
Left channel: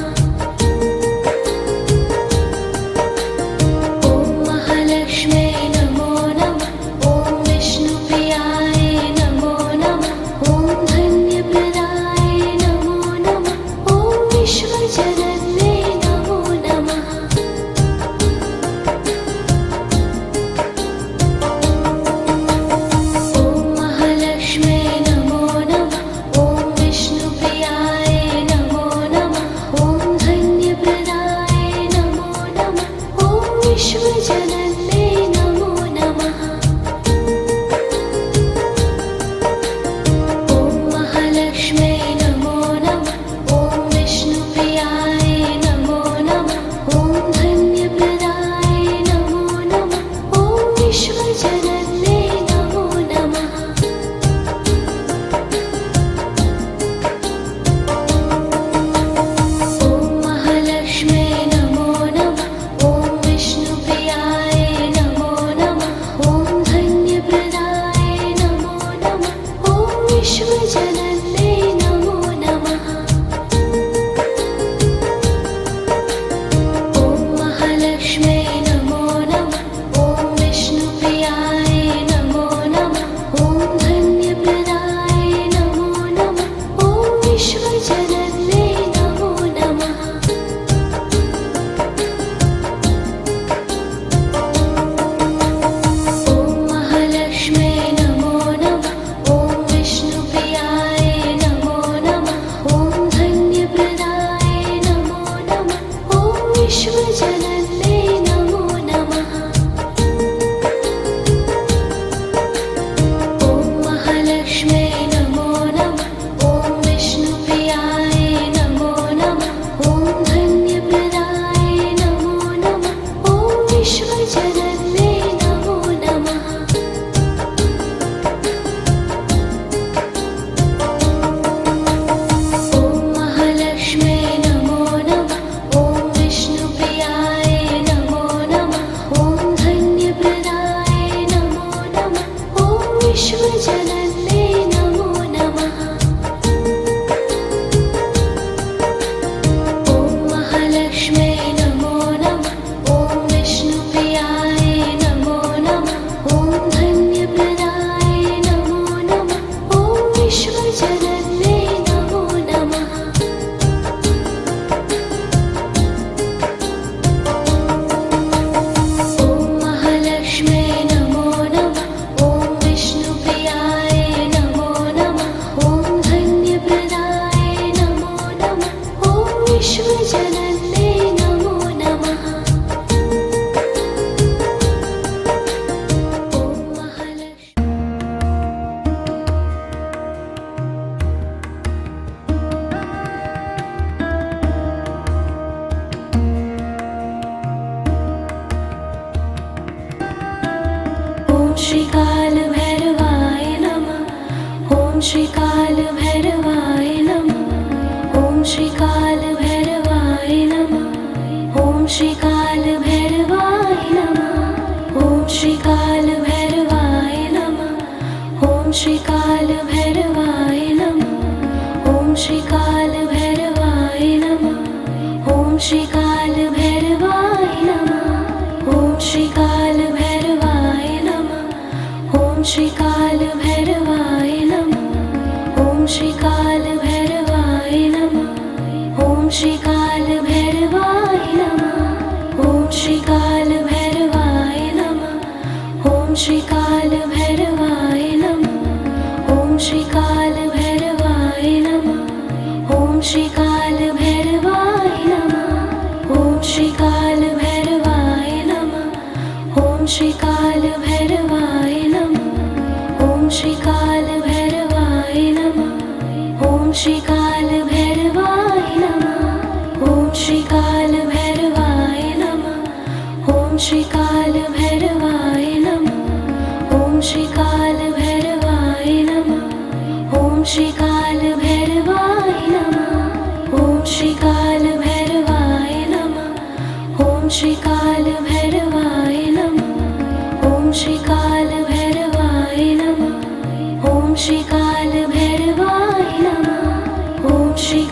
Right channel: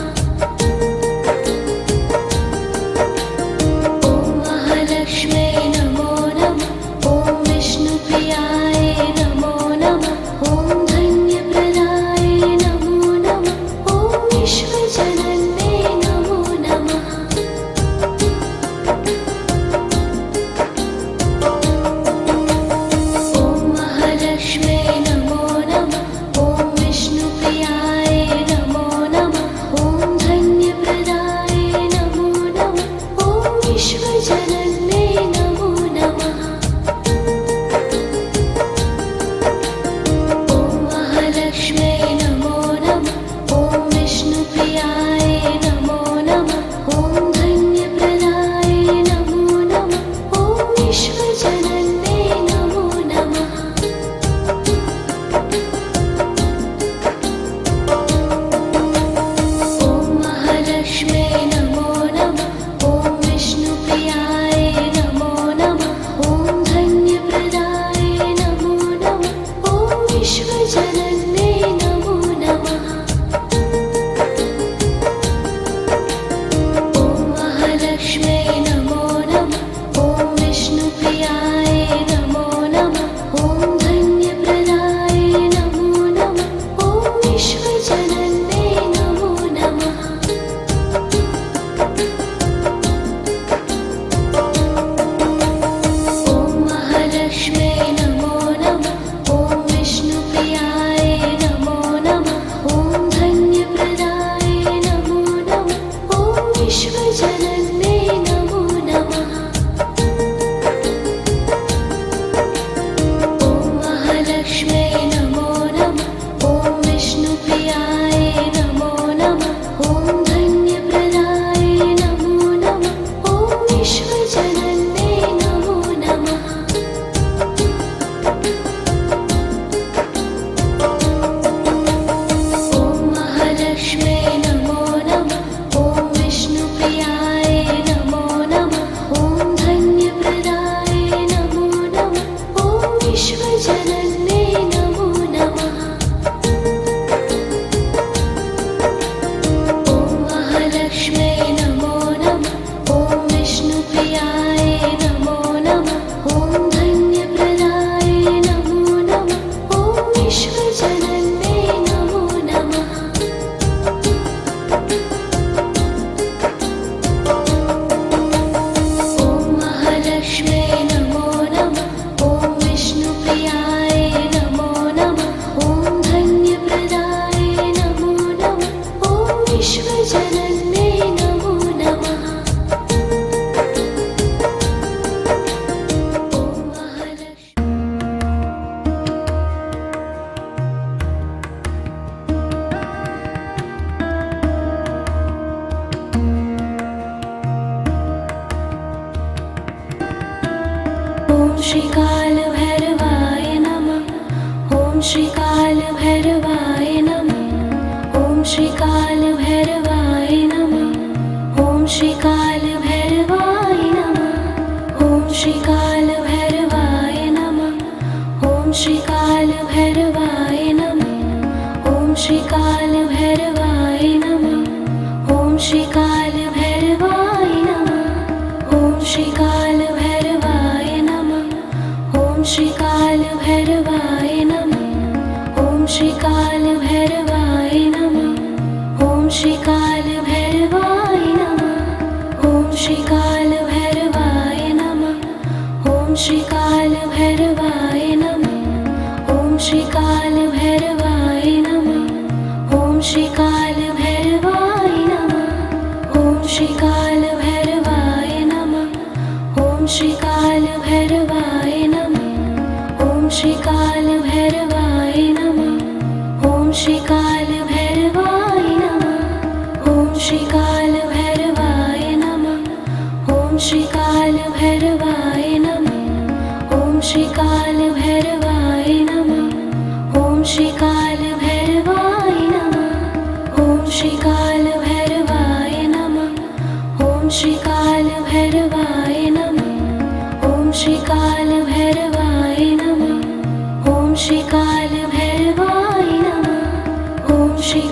ॐ महालक्ष्म्यै नमो नमः। ॐ विष्णुप्रियाय नमो नमः। ॐ धन्यप्रदाय नमो नमः। ॐ विश्वजनन्ये नमो नमः। ॐ महालक्ष्म्यै नमो नमः। ॐ विष्णुप्रियाय नमो नमः। ॐ धन्यप्रदाय नमो नमः। ॐ विश्वजनन्ये नमो नमः। ॐ महालक्ष्म्यै नमो नमः। ॐ विष्णुप्रियाय नमो नमः। ॐ धन्यप्रदाय नमो नमः। ॐ विश्वजनन्ये नमो नमः। ॐ महालक्ष्म्यै नमो नमः। ॐ विष्णुप्रियाय नमो नमः। ॐ धन्यप्रदाय नमो नमः। ॐ विश्वजनन्ये नमो नमः। ॐ महालक्ष्म्यै नमो नमः। ॐ विष्णुप्रियाय नमो नमः। ॐ धन्यप्रदाय नमो नमः। ॐ विश्वजनन्ये नमो नमः। ॐ महालक्ष्म्यै नमो नमः। ॐ विष्णुप्रियाय नमो नमः। ॐ धन्यप्रदाय नमो नमः। ॐ विश्वजनन्ये नमो नमः। ॐ महालक्ष्म्यै नमो नमः। ॐ विष्णुप्रियाय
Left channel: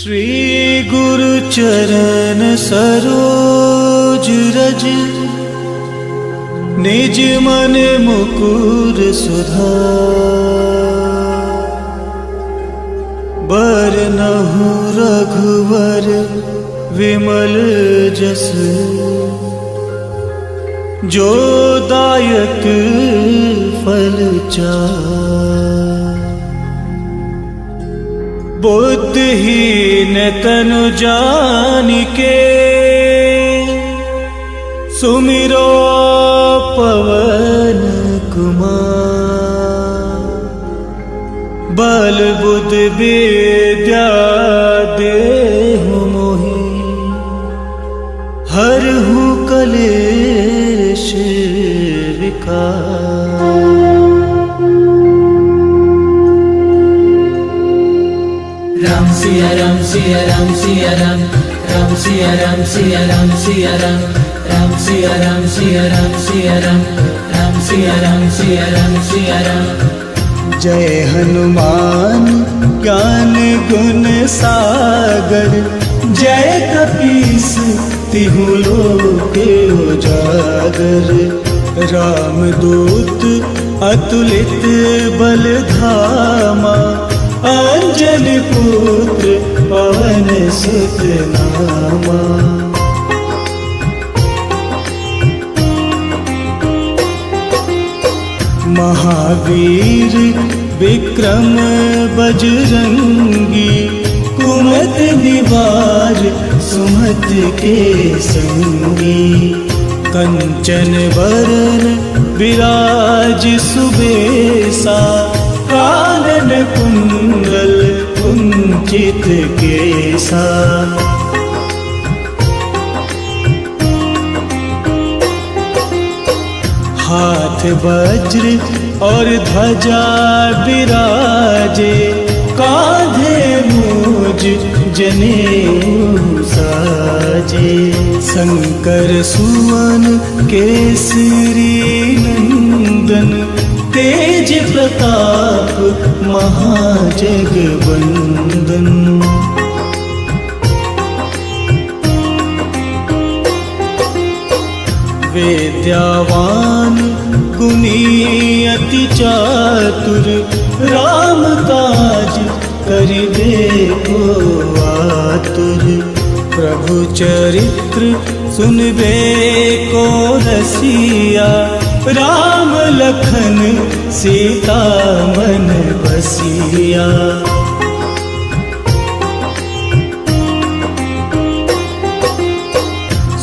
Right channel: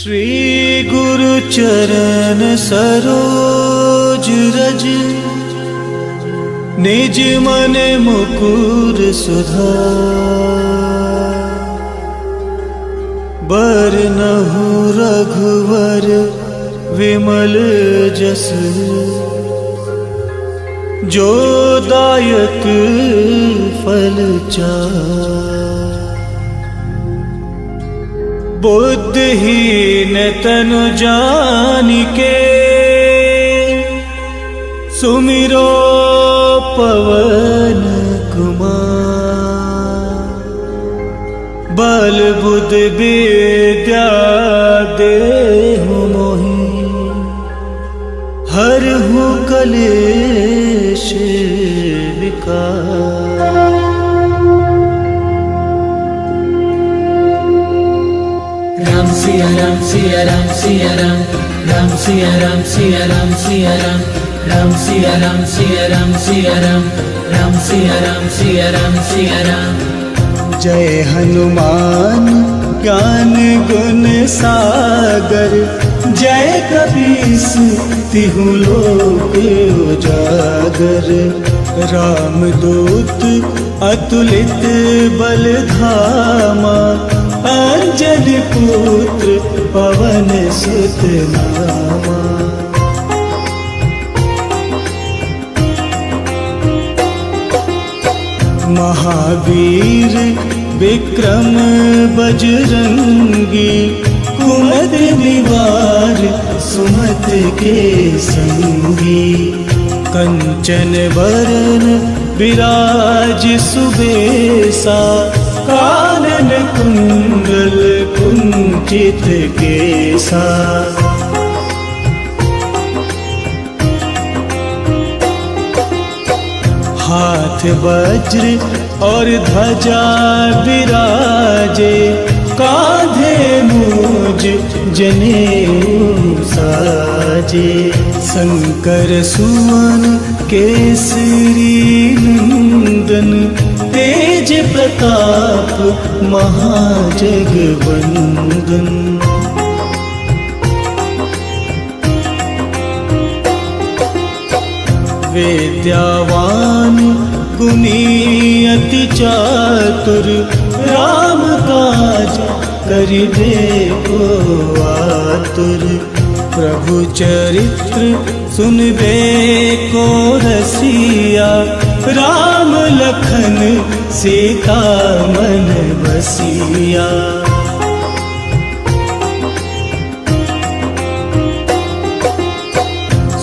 श्री गुरु चरण सरोज रज, निज मन मुकुर सुधार। बरनहु रघुवर विमल जस, जो दायक फल चार। बुद्धिहीन तनु जानिके, सुमिरो पवन कुमार। बल बुद्ध विद्या देहु मोहि, हरहु कलेश विकार। राम सिया राम सिया राम सिया राम, राम सिया राम सिया राम सिया राम, राम सिया राम सिया राम सिया राम, राम सिया राम सिया राम सिया राम। जय हनुमान ज्ञान गुण सागर, जय कपीस तिहु लोक उजागर। रामदूत अतुलित बल धामा, अंजन पुत्र पवन सुत नामा। महावीर विक्रम बजरंगी, कुमति निवार सुमति के संगी। कंचन बरन विराज सुबेसा, कानन कुंडल कुंचित केसा। हाथ वज्र और ध्वजा विराजे, कांधे मूज जनेऊ साजे। शंकर सुवन केसरी नंदन, तेज प्रताप महाजगवंदन। विद्यावान गुणी अति चातुर, राम काज करिबे को आतुर। प्रभु चरित्र सुनबे को रसिया, राम लखन सीता मन बसिया।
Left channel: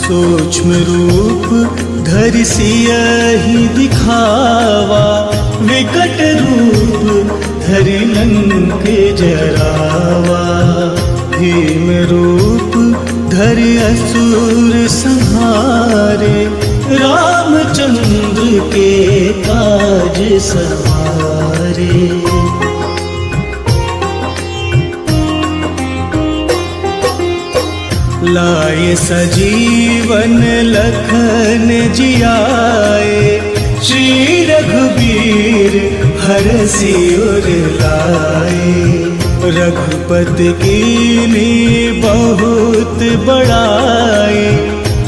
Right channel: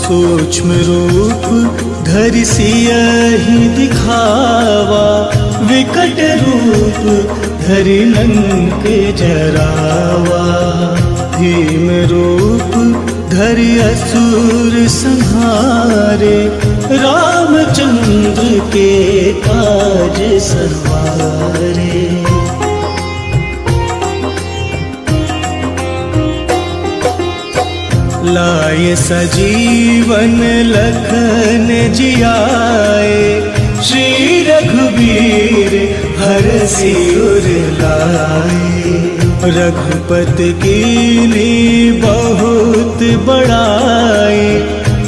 सूक्ष्म रूप धरि सियहि दिखावा, विकट रूप धरि लंक जरावा। भीम रूप धरि असुर संहारे, रामचंद्र के काज सवारे। लाए सजीवन लखन जियाए, श्री रघुबीर हरषि उर लाए। रघुपति कीन्ही बहुत बड़ाई,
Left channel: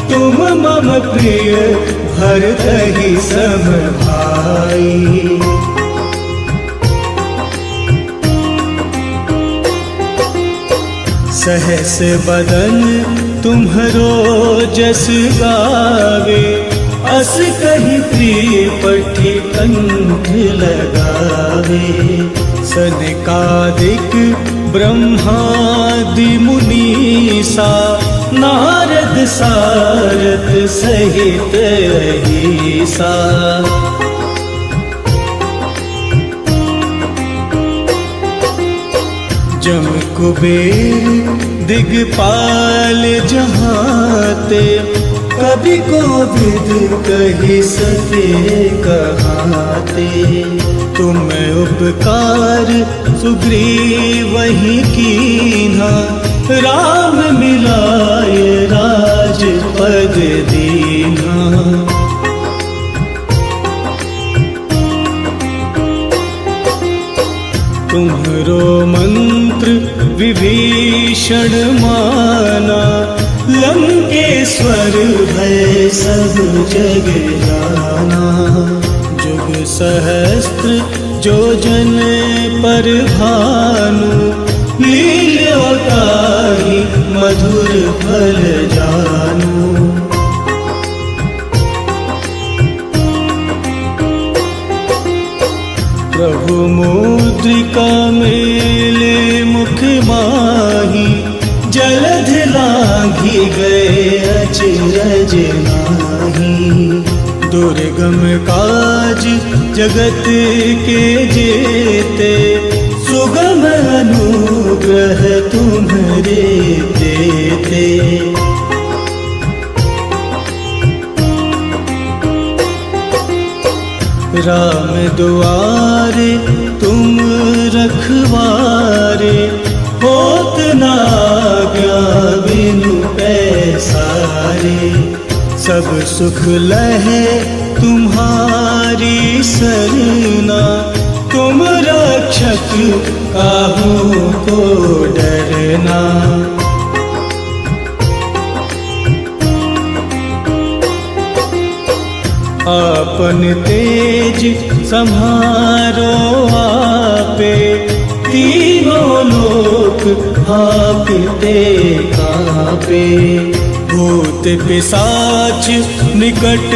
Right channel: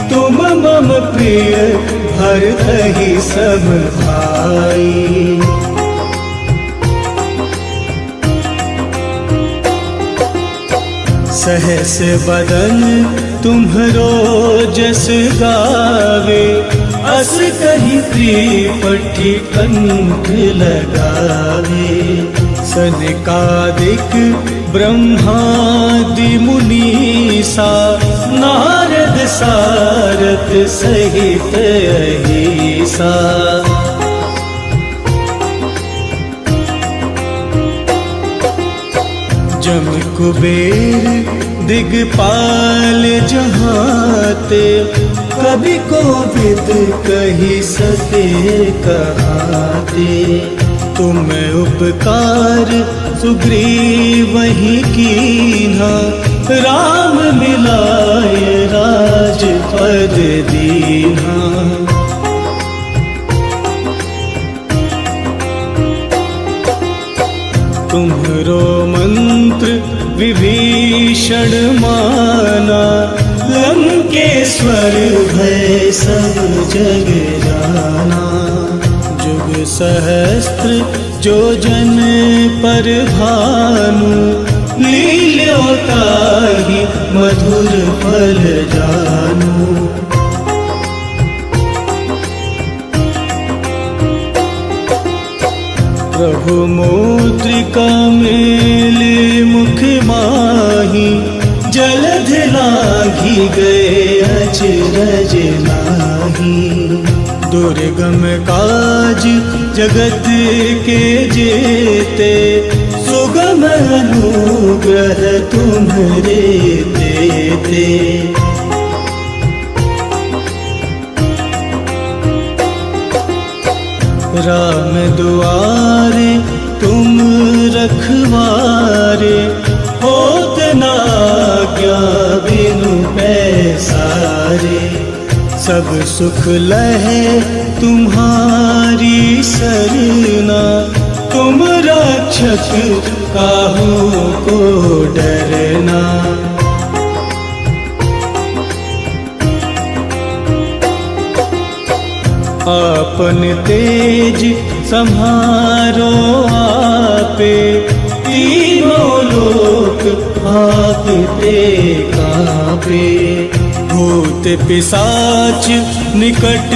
तुम मम प्रिय भरतहि सम भाई। सहस बदन तुम्हरो जस गावे, अस कहि त्रिपठी कंठ लगावे। सनकादिक ब्रह्मादि मुनीसा, नारद सारथ सहित अहिसा। जम कुबेर दिगपाल जहाते, कभी कोविद कही सके कहाते। तुम उपकार सुग्रीवहि कीन्हा, राम मिलाए राजपद दीन्हा। तुम्हरो मंत्र विभीषण माना, लंकेश्वर भय सब जग जाना। जुग सहस्त्र जो जन पर भानु, लील्योताहि मधुर फल जानु। प्रभु मुद्रिका मेले मुख माही, जलध लांघी गए अचरज नाही। दुर्गम काज जगत के जेते, सुगम अनुग्रह तुम्हरे तेते। राम दुआरे तुम रखवारे, होत ना क्या बिनु पैसारे। सब सुख लहे तुम्हारी सरना, तुम रक्षक काहू को डरना। आपन तेज सम्हारो आपे, तीनों लोक आपते कापे। भूत पिशाच निकट